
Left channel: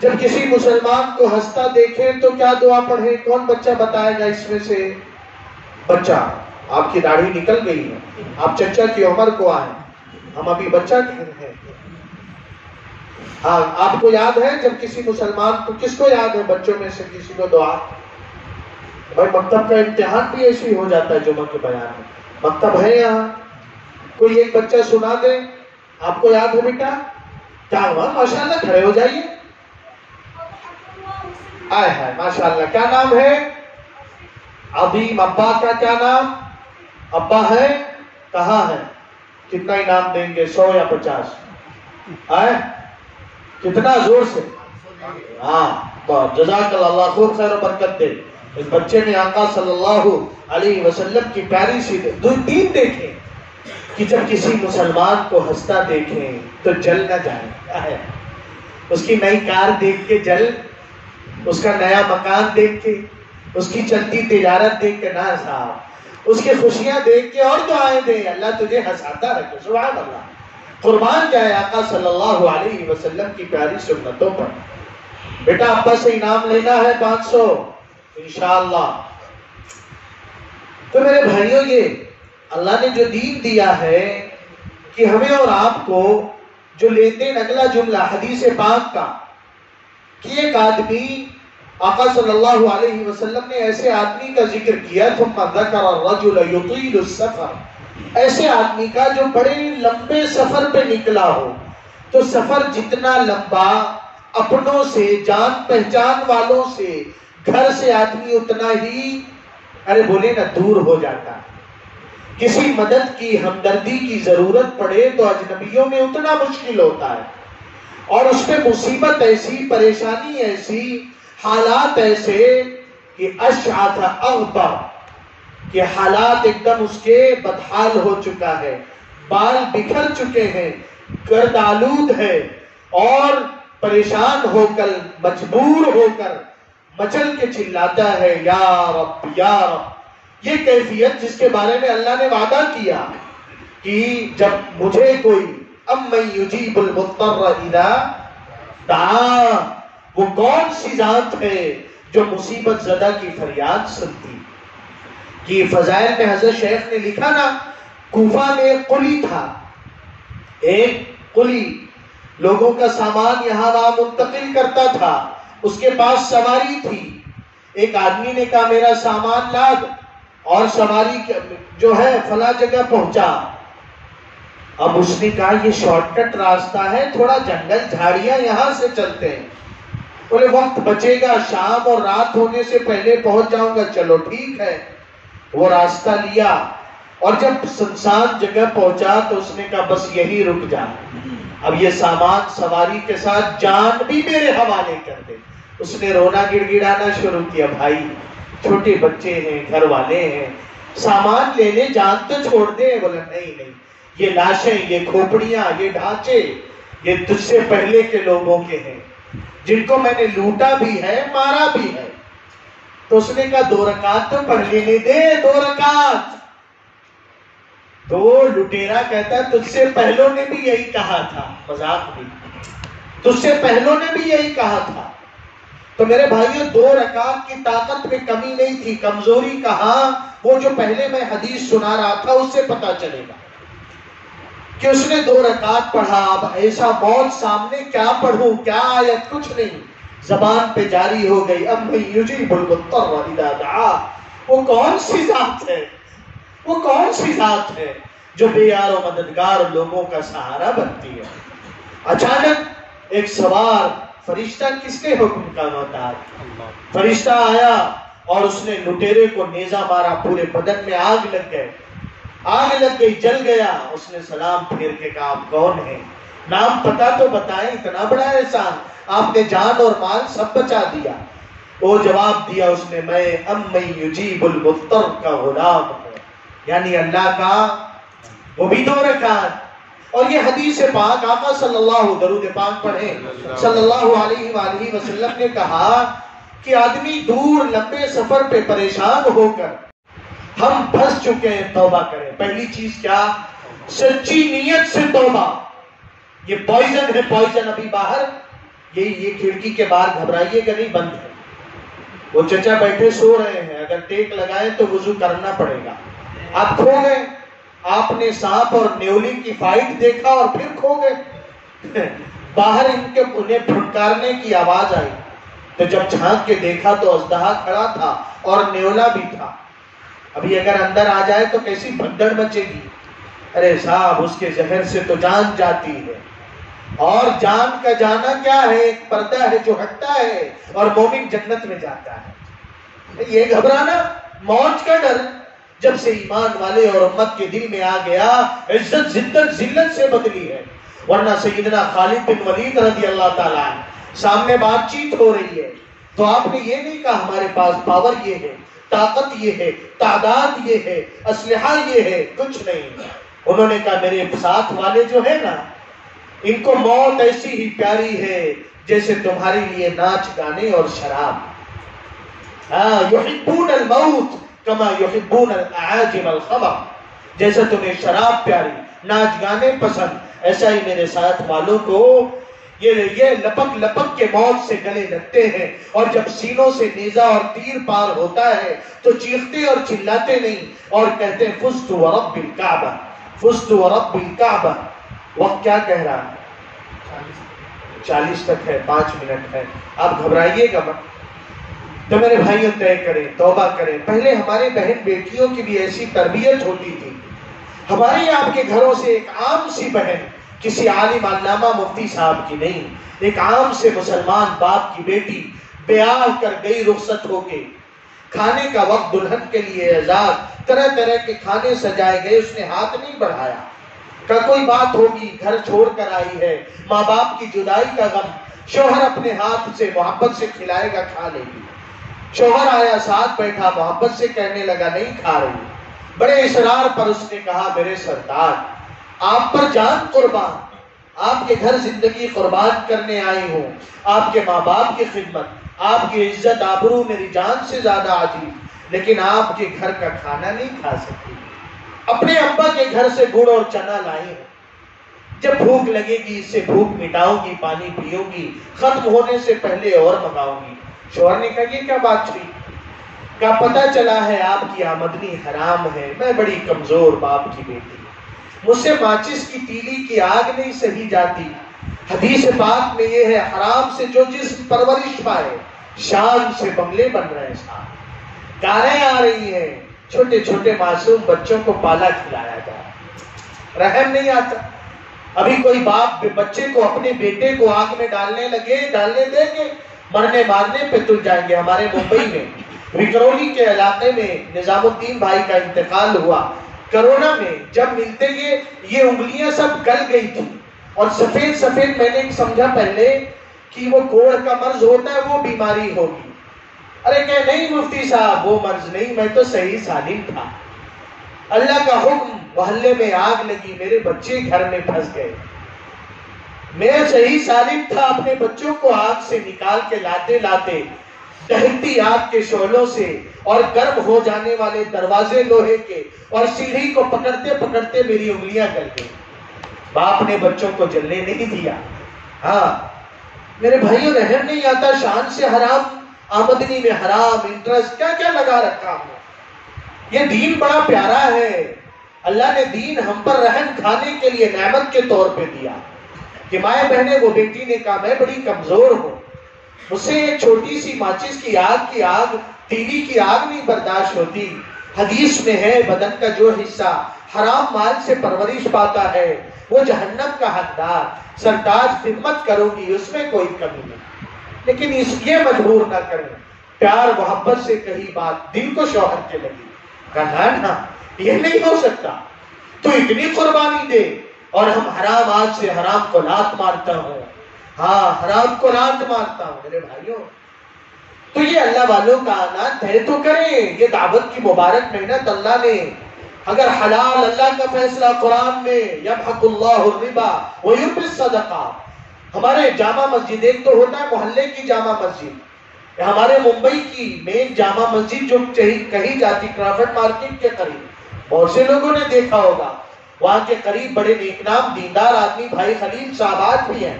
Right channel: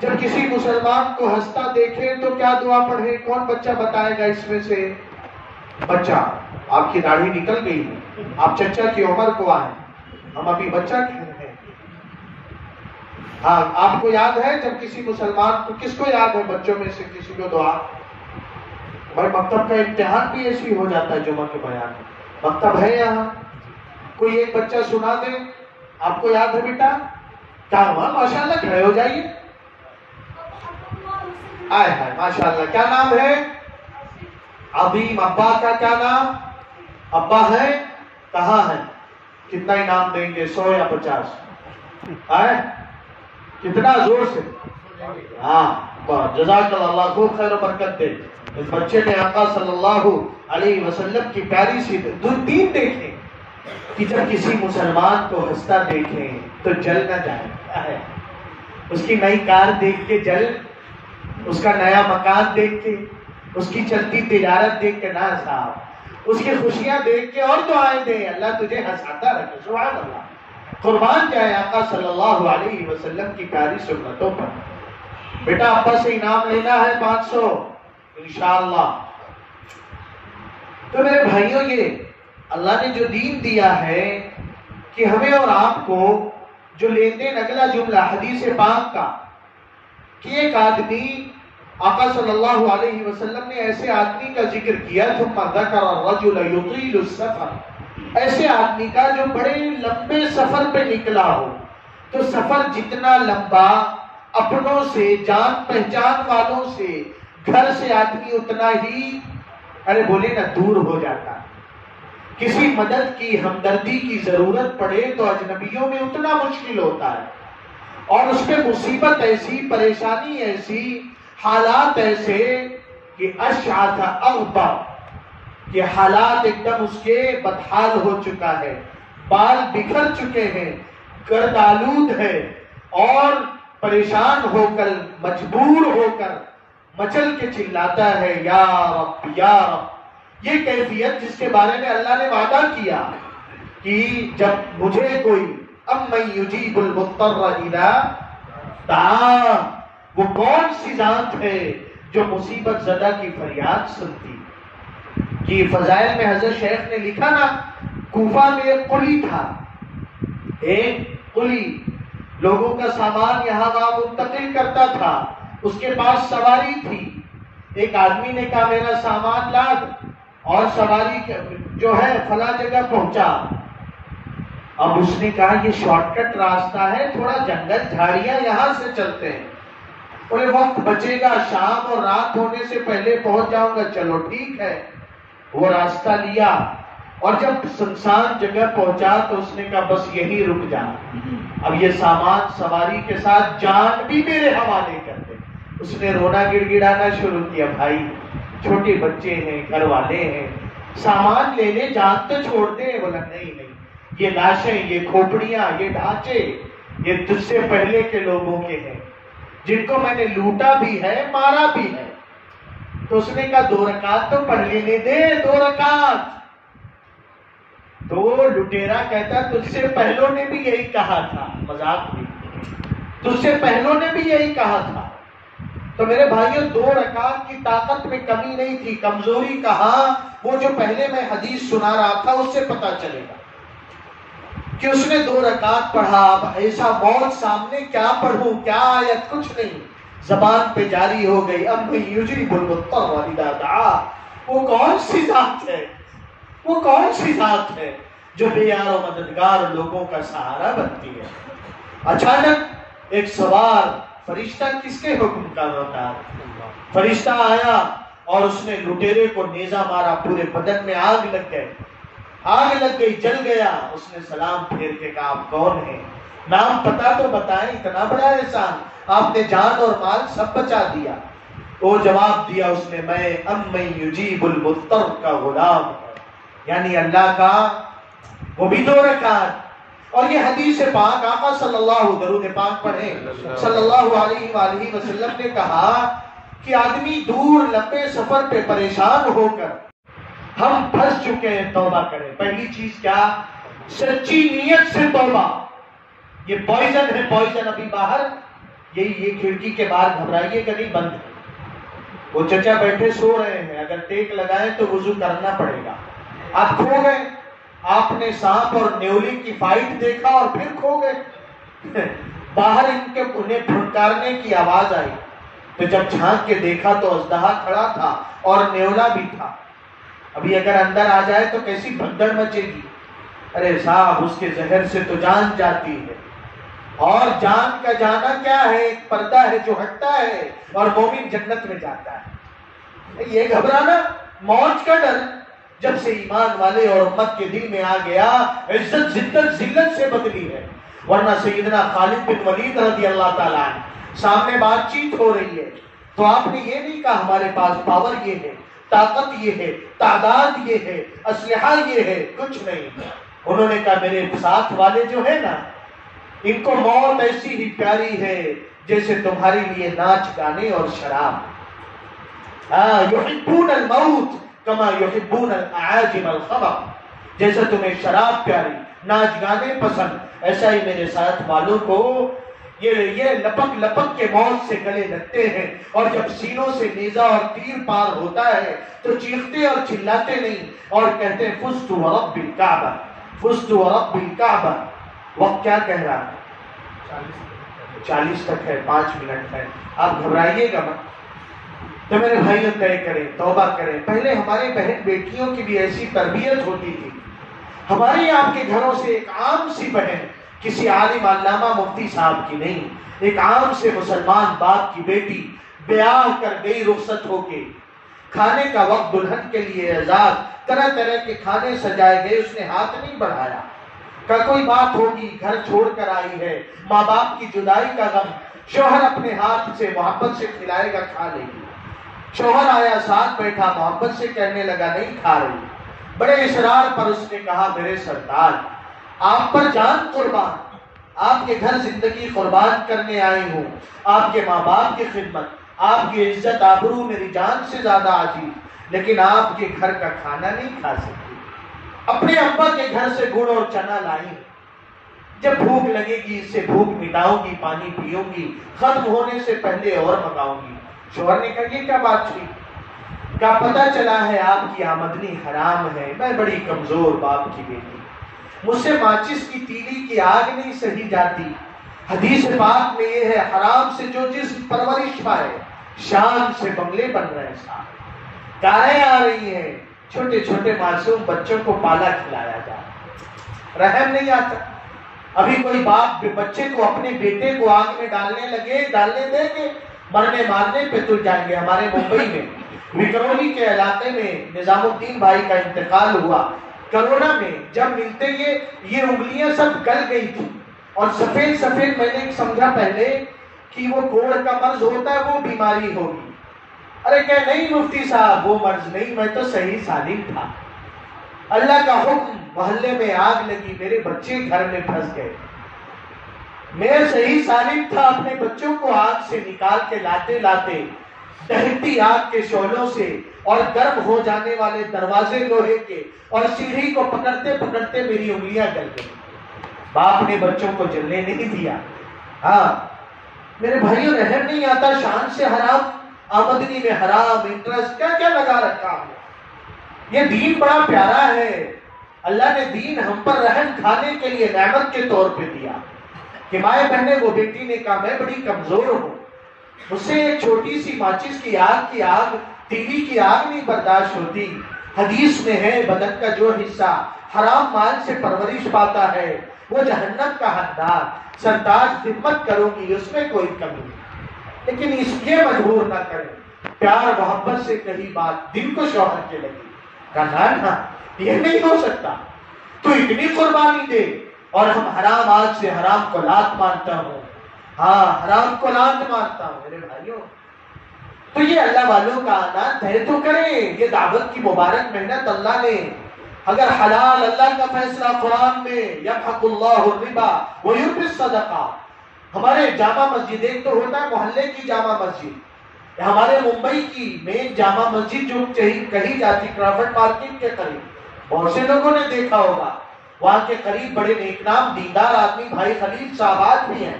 جب کسی مسلمان کو ہنستا دیکھیں تو کیا دعا پڑھیں؟ کون بچہ بتائے گا اس میں سے؟ بچہ، آپ کی داڑھی نکل گئی ہے، آپ چچا کی عمر کو آئے، ہم ابھی بچہ کہہ رہے ہیں. ہاں آپ کو یاد ہے جب کسی مسلمان کو، کس کو یاد ہے بچوں میں سے کسی کو دعا؟ بھائی مکتب کا امتحان بھی ایسے ہی ہو جاتا ہے جمعہ کے بیان میں. مکتب ہے یہاں، کوئی ایک بچہ سنا دے. آپ کو یاد ہے بیٹا؟ کیا ہوا؟ ماشاءاللہ کھڑے ہو جائیے. آئے ہائے ماشاءاللہ. کیا نام ہے؟ عظیم. ابا کا کیا نام؟ ابا ہے؟ کہاں ہے؟ کتنا انعام دیں گے؟ 100 یا 50؟ آئے کتنا زور سے؟ ہاں جزاک اللہ، خوب خیر و برکت دے. اس بچے میں آقا صلی اللہ علیہ وسلم کی پیاری سی دین دیکھیں کہ جب کسی مسلمان کو ہنستا دیکھیں تو جل نہ جائے. اس کی نئی کار دیکھ کے جل، اس کا نیا مکان دیکھ کے، اس کی چلتی تجارت دیکھ کے نہ ہنساؤ. اس کی خوشیاں دیکھ کے اور دعائیں دیں، اللہ تجھے ہنساتا رکھے. سبحان اللہ. قربان جائے آقا صلی اللہ علیہ وسلم کی پیاری سنتوں پر. بیٹا ابا سے انعام لینا ہے 500 انشاءاللہ. تو میرے بھائیوں، یہ اللہ نے جو دین دیا ہے کہ ہمیں اور آپ کو جو لین دین، اگلا جملہ حدیث پاک کا کہ ایک آدمی، آقا صلی اللہ علیہ وسلم نے ایسے آدمی کا ذکر کیا، ثم ذکر الرجل یطیل السفر، ایسے آدمی کا جو بڑے لمبے سفر پہ نکلا ہو. تو سفر جتنا لمبا، اپنوں سے، جان پہچان والوں سے، گھر سے آدمی اتنا ہی ارے بولے نا دور ہو جاتا ہے. کسی مدد کی، ہمدردی کی ضرورت پڑے تو اجنبیوں میں اتنا مشکل ہوتا ہے. اور اس پہ مصیبت ایسی، پریشانی ایسی، حالات ایسے کہ اشعث اغبر، کہ حالات ایک دم اس کے بدحال ہو چکا ہے، بال بکھر چکے ہیں، گرد آلود ہے، اور پریشان ہو کر، مجبور ہو کر مچل کے چلاتا ہے یا رب یا رب. یہ کیفیت جس کے بارے میں اللہ نے وعدہ کیا کہ جب مجھے کوئی امن یجیب المضطر اذا دعا، وہ کون سی ذات ہے جو مصیبت زدہ کی فریاد سنتی. کہ فضائل میں حضرت شیخ نے لکھا نا، کوفہ میں ایک قلی تھا، ایک قلی لوگوں کا سامان یہاں وہاں منتقل کرتا تھا. اس کے پاس سواری تھی. ایک آدمی نے کہا میرا سامان لاد، اور سواری جو ہے فلاں جگہ پہنچا. اب اس نے کہا یہ شارٹ کٹ راستہ ہے، تھوڑا جنگل جھاڑیاں یہاں سے چلتے ہیں. بولے وقت بچے گا، شام اور رات ہونے سے پہلے پہنچ جاؤں گا. چلو ٹھیک ہے. وہ راستہ لیا، اور جب سنسان جگہ پہنچا تو اس نے کہا بس یہی رک جا، اب یہ سامان سواری کے ساتھ جان بھی میرے حوالے کر دے. اس نے رونا گڑ گڑانا شروع کیا. بھائی چھوٹے بچے ہیں، گھر والے ہیں، سامان لے لے، جان تو چھوڑ دے. بولا نہیں نہیں، یہ لاشیں، یہ کھوپڑیاں، یہ ڈھانچے، یہ تجھ سے پہلے کے لوگوں کے ہیں جن کو میں نے لوٹا بھی ہے، مارا بھی ہے. تو اس نے کہا 2 رکعت تو پڑھ لینے دے، 2 رکعت. تو لٹیرا کہتا تجھ سے پہلوں نے بھی یہی کہا تھا. مذاق بھی، تجھ سے پہلوں نے بھی یہی کہا تھا. تو میرے بھائیوں 2 رکعت کی طاقت میں کمی نہیں تھی. کمزوری کہاں؟ وہ جو پہلے میں حدیث سنا رہا تھا اس سے پتا چلے گا کہ اس نے 2 رکعت پڑھا. اب ایسا موت سامنے، کیا پڑھوں، کیا آیت، کچھ نہیں، زبان پہ جاری ہو گئی امن یجیب المضطر اذا دعا. وہ کون سی ذات ہے، وہ کون سی ذات ہے جو بے یار و مددگار لوگوں کا سہارا بنتی ہے. اچانک ایک سوار فرشتہ، کس کے حکم کا محتاج، فرشتہ آیا اور اس نے لٹیرے کو نیزہ مارا، پورے بدن میں آگ لگ گئی، جل گیا۔ اس نے سلام پھیر کے کہا آپ کون ہیں؟ نام پتا تو بتائیں، اتنا بڑا احسان، آپ نے جان اور مال سب بچا دیا۔ وہ جواب دیا اس نے، میں امن یجیب المضطر کا غلام ہوں، یعنی اللہ کا۔ وہ بھی 2 رکعت۔ اور یہ حدیث پاک آقا صلی اللہ، درود پاک پڑھیں، صلی اللہ علیہ وآلہ وسلم نے کہا کہ آدمی دور لمبے سفر پہ پریشان ہو کر ہم پھنس چکے ہیں، توبہ کریں۔ پہلی چیز کیا؟ سچی نیت سے توبہ۔ یہ پوائزن ہے، پوائزن ابھی باہر، یہ کھڑکی کے باہر گھبرائیے گا نہیں، بند ہے۔ وہ چچا بیٹھے سو رہے ہیں، اگر ٹیک لگائیں تو وضو کرنا پڑے گا۔ آپ کھو گئے، آپ نے سانپ اور نیولی کی فائٹ دیکھا اور پھر کھو گئے۔ باہر انہیں پھٹکارنے کی آواز آئی تو جب جھانک کے دیکھا تو اژدہا کھڑا تھا اور نیولا بھی تھا۔ ابھی اگر اندر آ جائے تو کیسی بھگدڑ مچے گی۔ ارے صاحب، اس کے زہر سے تو جان جاتی ہے، اور جان کا جانا کیا ہے؟ ایک پردہ ہے جو ہٹتا ہے اور مومن جنت میں جاتا ہے۔ یہ گھبرانا، موت کا ڈر جب سے ایمان والے اور امت کے دل میں آ گیا، عزت ذلت سے بدلی ہے۔ ورنہ سیدنا خالد بن ولید رضی اللہ تعالیٰ عنہ، سامنے بات چیت ہو رہی ہے تو آپ نے یہ نہیں کہا ہمارے پاس پاور یہ ہے، طاقت یہ ہے، تعداد یہ ہے، اسلحہ یہ ہے، کچھ نہیں۔ انہوں نے کہا میرے ساتھ والے جو ہے نا، ان کو موت ایسی ہی پیاری ہے جیسے تمہارے لیے ناچ گانے اور شراب۔ یحبون الموت کما یحبون الاعاجم الخمر، جیسے تمہیں شراب پیاری، ناچ گانے پسند، ایسا ہی میرے ساتھ والوں کو یہ لپک لپک کے موت سے گلے لگتے ہیں، اور جب سینوں سے نیزہ اور تیر پار ہوتا ہے تو چیختے اور چلاتے نہیں اور کہتے ہیں فزت ورب الکعبہ، فزت ورب الکعبہ۔ وقت کیا کہہ رہا ہے؟ 40 تک ہے، 5 منٹ ہے، آپ گھبرائیے گا مت۔ تو میرے بھائیوں طے کریں، توبہ کریں۔ پہلے ہماری بہن بیٹیوں کی بھی ایسی تربیت ہوتی تھی۔ ہماری آپ کے گھروں سے ایک عام سی بہن، کسی عالم علامہ مفتی صاحب کی نہیں، ایک عام سے مسلمان باپ کی بیٹی بیاہ کر گئی رخصت ہو کے۔ کھانے کا وقت دلہن کے لیے اعزاز، طرح طرح کے کھانے سجائے گئے، اس نے ہاتھ نہیں بڑھایا۔ کہ کوئی بات ہوگی، گھر چھوڑ کر آئی ہے، ماں باپ کی جدائی کا غم، شوہر اپنے ہاتھ سے محبت سے کھلائے گا، کھا لے گی۔ شوہر آیا، ساتھ بیٹھا، محبت سے کہنے لگا نہیں کھا رہی۔ بڑے اصرار پر اس نے کہا میرے سردار، آپ پر جان قربان، آپ کے گھر زندگی قربان کرنے آئی ہوں، آپ کے ماں باپ کی خدمت، آپ کی عزت آبرو میری جان سے زیادہ عزیز، لیکن آپ کے گھر کا کھانا نہیں کھا سکتی۔ اپنے ابا کے گھر سے گڑ اور چنا لائی، جب بھوک لگے گی اس سے بھوک مٹاؤں گی، پانی پیوں گی، ختم ہونے سے پہلے اور منگاؤں گی۔ شوہر نے کہا یہ کیا بات ہوئی؟ کہا پتہ چلا ہے آپ کی آمدنی حرام ہے، میں بڑی کمزور باپ کی بیٹی، مجھ سے ماچس کی تیلی کی آگ نہیں سہی جاتی۔ حدیث پاک میں یہ ہے حرام سے جو جسم پرورش پائے، شان سے بنگلے بن رہے ہیں صاحب، کاریں آ رہی ہیں، چھوٹے چھوٹے معصوم بچوں کو پالا کھلایا جا رہا، رحم نہیں آتا۔ ابھی کوئی باپ بچے کو، اپنے بیٹے کو آگ میں ڈالنے دیں گے، مرنے مارنے پہ تل جائیں گے۔ ہمارے ممبئی میں وکرولی کے علاقے میں نظام الدین بھائی کا انتقال ہوا کرونا میں، جب ملتے یہ انگلیاں سب گل گئی تھی اور سفید سفید، میں نے سمجھا پہلے کہ وہ کوڑ کا مرض ہوتا ہے، وہ بیماری ہوگی۔ ارے کہ نہیں مفتی صاحب وہ مرض نہیں، میں تو صحیح سالم تھا، اللہ کا حکم، محلے میں آگ لگی، میرے بچے گھر میں پھنس گئے، میں صحیح سالم تھا، اپنے بچوں کو آگ سے نکال کے لاتے لاتے دہتی آگ کے شعلوں سے اور گرم ہو جانے والے دروازے لوہے کے اور سیڑھی کو پکڑتے پکڑتے میری انگلیاں گل گئی۔ باپ نے بچوں کو جلنے نہیں دیا۔ ہاں میرے بھائیوں، رحم نہیں آتا، شان سے حرام، آمدنی میں حرام، انٹرسٹ کیا کیا لگا رکھا ہوں۔ یہ دین بڑا پیارا ہے، اللہ نے دین ہم پر رحم کھانے کے لیے نعمت کے طور پہ دیا کہ مائیں بہنیں، وہ بیٹی نے کہا میں بڑی کمزور ہوں، مجھ سے ایک چھوٹی سی ماچس کی آگ تیلی کی آگ نہیں برداشت ہوتی۔ حدیث میں ہے بدن کا جو حصہ حرام مال سے پرورش پاتا ہے وہ جہنم کا حقدار، سرتاج خدمت کروں گی، اس میں کوئی کمی نہیں، لیکن اس لیے مجبور نہ کریں پیار محبت سے کہی بات دل کو شوہر کے لگی. کہا نا یہ نہیں ہو سکتا، تو اتنی قربانی دے اور ہم حرام آج سے حرام کو لات مارتا ہوں. ہاں حرام کو لات مارتا ہوں. میرے بھائیوں تو یہ اللہ والوں کا اعلان طے تو کریں. یہ دعوت کی مبارک محنت اللہ نے، اگر حلال اللہ کا فیصلہ قرآن میں یمحق اللہ الربا ویربی الصدقات. ہمارے جامع مسجد ایک تو ہوتا ہے محلے کی جامع مسجد، ہمارے ممبئی کی مین جامع مسجد جو کہی جاتی کرافٹ مارکیٹ کے قریب، بہت سے لوگوں نے دیکھا ہوگا. وہاں کے قریب بڑے نیک نام دیندار آدمی بھائی خلیل صاحبات بھی ہیں.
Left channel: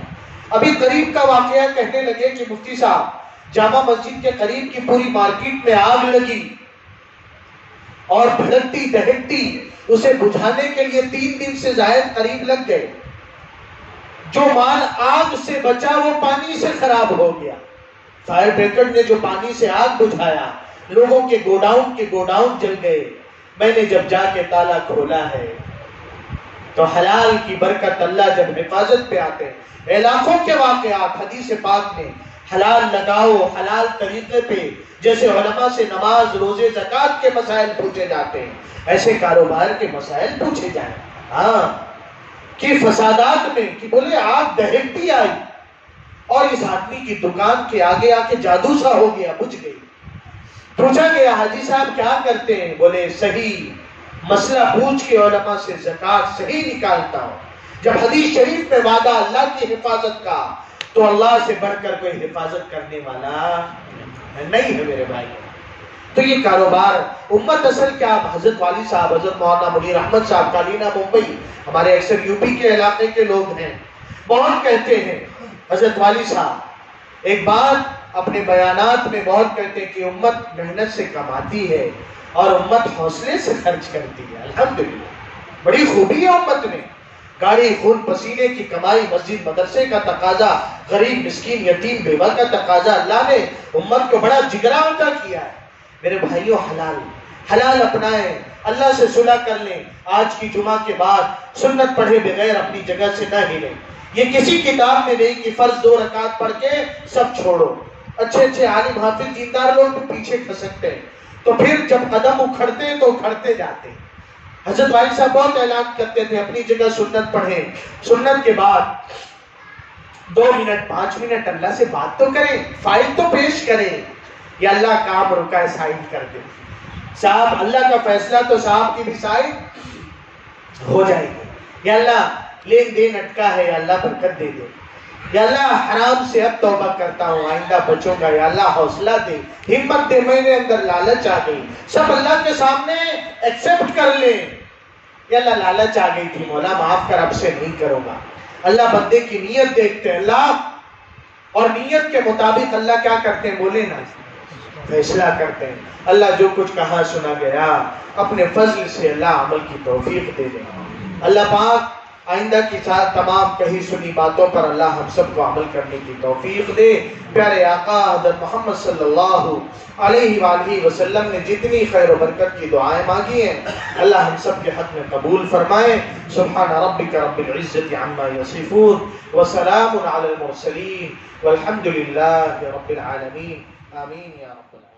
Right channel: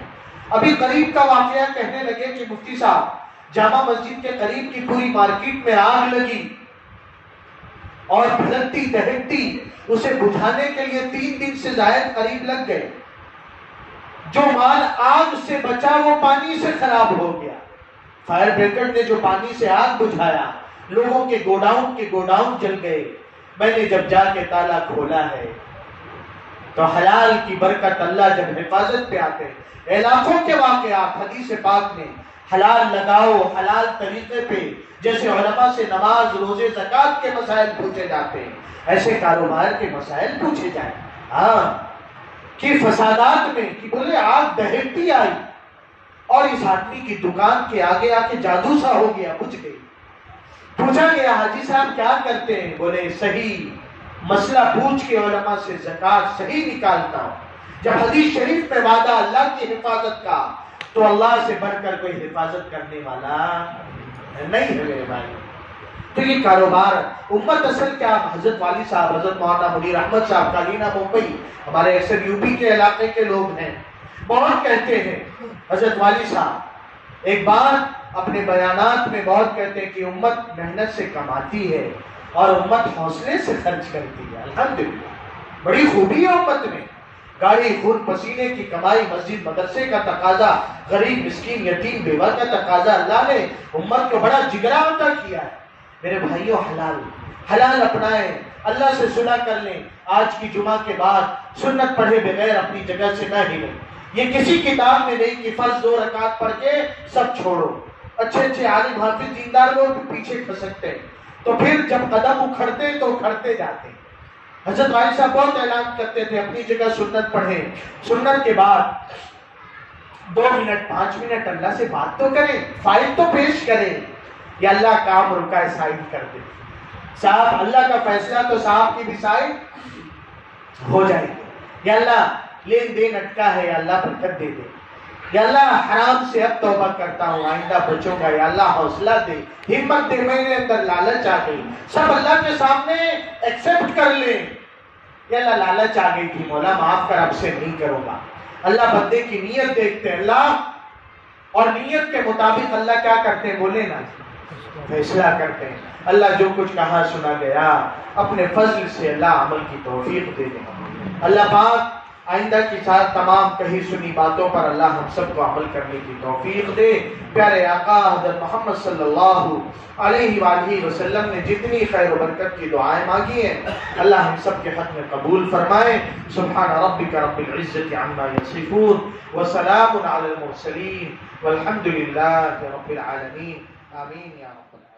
ابھی قریب کا واقعہ کہنے لگے کہ مفتی صاحب جامع مسجد کے قریب کی پوری مارکیٹ میں آگ لگی اور بھڑکتی دہکتی، اسے بجھانے کے لیے 3 دن سے زائد قریب لگ گئے. جو مال آگ سے بچا وہ پانی سے خراب ہو گیا. فائر بریگیڈ نے جو پانی سے آگ بجھایا، لوگوں کے گوڈاؤن جل گئے. میں نے جب جا کے تالا کھولا ہے تو حلال کی برکت اللہ جب حفاظت پہ آتے ہیں. علاقوں کے واقعات حدیث پاک میں حلال لگاؤ حلال طریقے پہ، جیسے علماء سے نماز روزے زکوٰۃ کے مسائل پوچھے جاتے ہیں، ایسے کاروبار کے مسائل پوچھے جائیں. ہاں کہ فسادات میں کہ بولے آگ دہکتی آئی اور اس آدمی کی دکان کے آگے آ کے جادو سا ہو گیا، بجھ گئی. پوچھا گیا حاجی صاحب کیا کرتے ہیں؟ بولے صحیح مسئلہ پوچھ کے علماء سے زکوٰۃ صحیح نکالتا ہوں. جب حدیث شریف میں وعدہ اللہ کی حفاظت کا، تو اللہ سے بڑھ کر کوئی حفاظت کرنے والا نہیں ہے میرے بھائی. تو یہ کاروبار امت اصل کیا، حضرت والی صاحب حضرت مولانا منیر احمد صاحب کالینہ ممبئی، ہمارے اکثر یو پی کے علاقے کے لوگ ہیں، بہت کہتے ہیں حضرت والی صاحب ایک بات اپنے بیانات میں بہت کہتے ہیں کہ امت محنت سے کماتی ہے اور امت حوصلے سے خرچ کرتی ہے. الحمدللہ بڑی خوبی ہے امت میں. گاڑی خون پسینے کی کمائی، مسجد مدرسے کا تقاضا، غریب مسکین یتیم بیوہ کا تقاضا، اللہ نے امت کو بڑا جگرا عطا کیا ہے. میرے بھائیوں حلال اپنائیں، اللہ سے صلح کر لیں. آج کی جمعہ کے بعد سنت پڑھے بغیر اپنی جگہ سے نہ ہلیں. یہ کسی کتاب میں نہیں کہ فرض 2 رکعت پڑھ کے سب چھوڑو. اچھے عالم حافظ دیندار لوگ بھی پیچھے کھسکتے ہیں، تو پھر جب قدم اکھڑتے ہیں تو اکھڑتے جاتے ہیں. حضرت والد صاحب بہت اعلان کرتے تھے اپنی جگہ سنت پڑھیں، سنت کے بعد 2 منٹ 5 منٹ اللہ سے بات تو کریں، فائل تو پیش کریں. یا اللہ کام رکا ہے سائن کر دے صاحب، اللہ کا فیصلہ تو صاحب کی بھی سائن ہو جائے گی. یا اللہ لین دین اٹکا ہے، یا اللہ برکت دے دے. یا اللہ حرام سے اب توبہ کرتا ہوں، آئندہ بچوں گا. یا اللہ حوصلہ دے، ہمت دے، میرے اندر لالچ آ گئی. سب اللہ کے سامنے ایکسپٹ کر لیں. یا اللہ لالچ آ گئی تھی مولا معاف کر، اب سے نہیں کروں گا. اللہ بندے کی نیت دیکھتے ہیں اللہ، اور نیت کے مطابق اللہ کیا کرتے ہیں بولے نا، فیصلہ کرتے ہیں. اللہ جو کچھ کہا سنا گیا اپنے فضل سے اللہ عمل کی توفیق دے دے. اللہ پاک آئندہ کی ساتھ تمام کہی سنی باتوں پر اللہ ہم سب کو عمل کرنے کی توفیق دے. پیارے آقا حضرت محمد صلی اللہ علیہ وآلہ وسلم نے جتنی خیر و برکت کی دعائیں مانگی ہیں اللہ ہم سب کے حق میں قبول فرمائے. سبحان ربک رب العزت عما یصفون وسلام علی المرسلین والحمد للہ رب العالمین. آمین یا رب العالمین.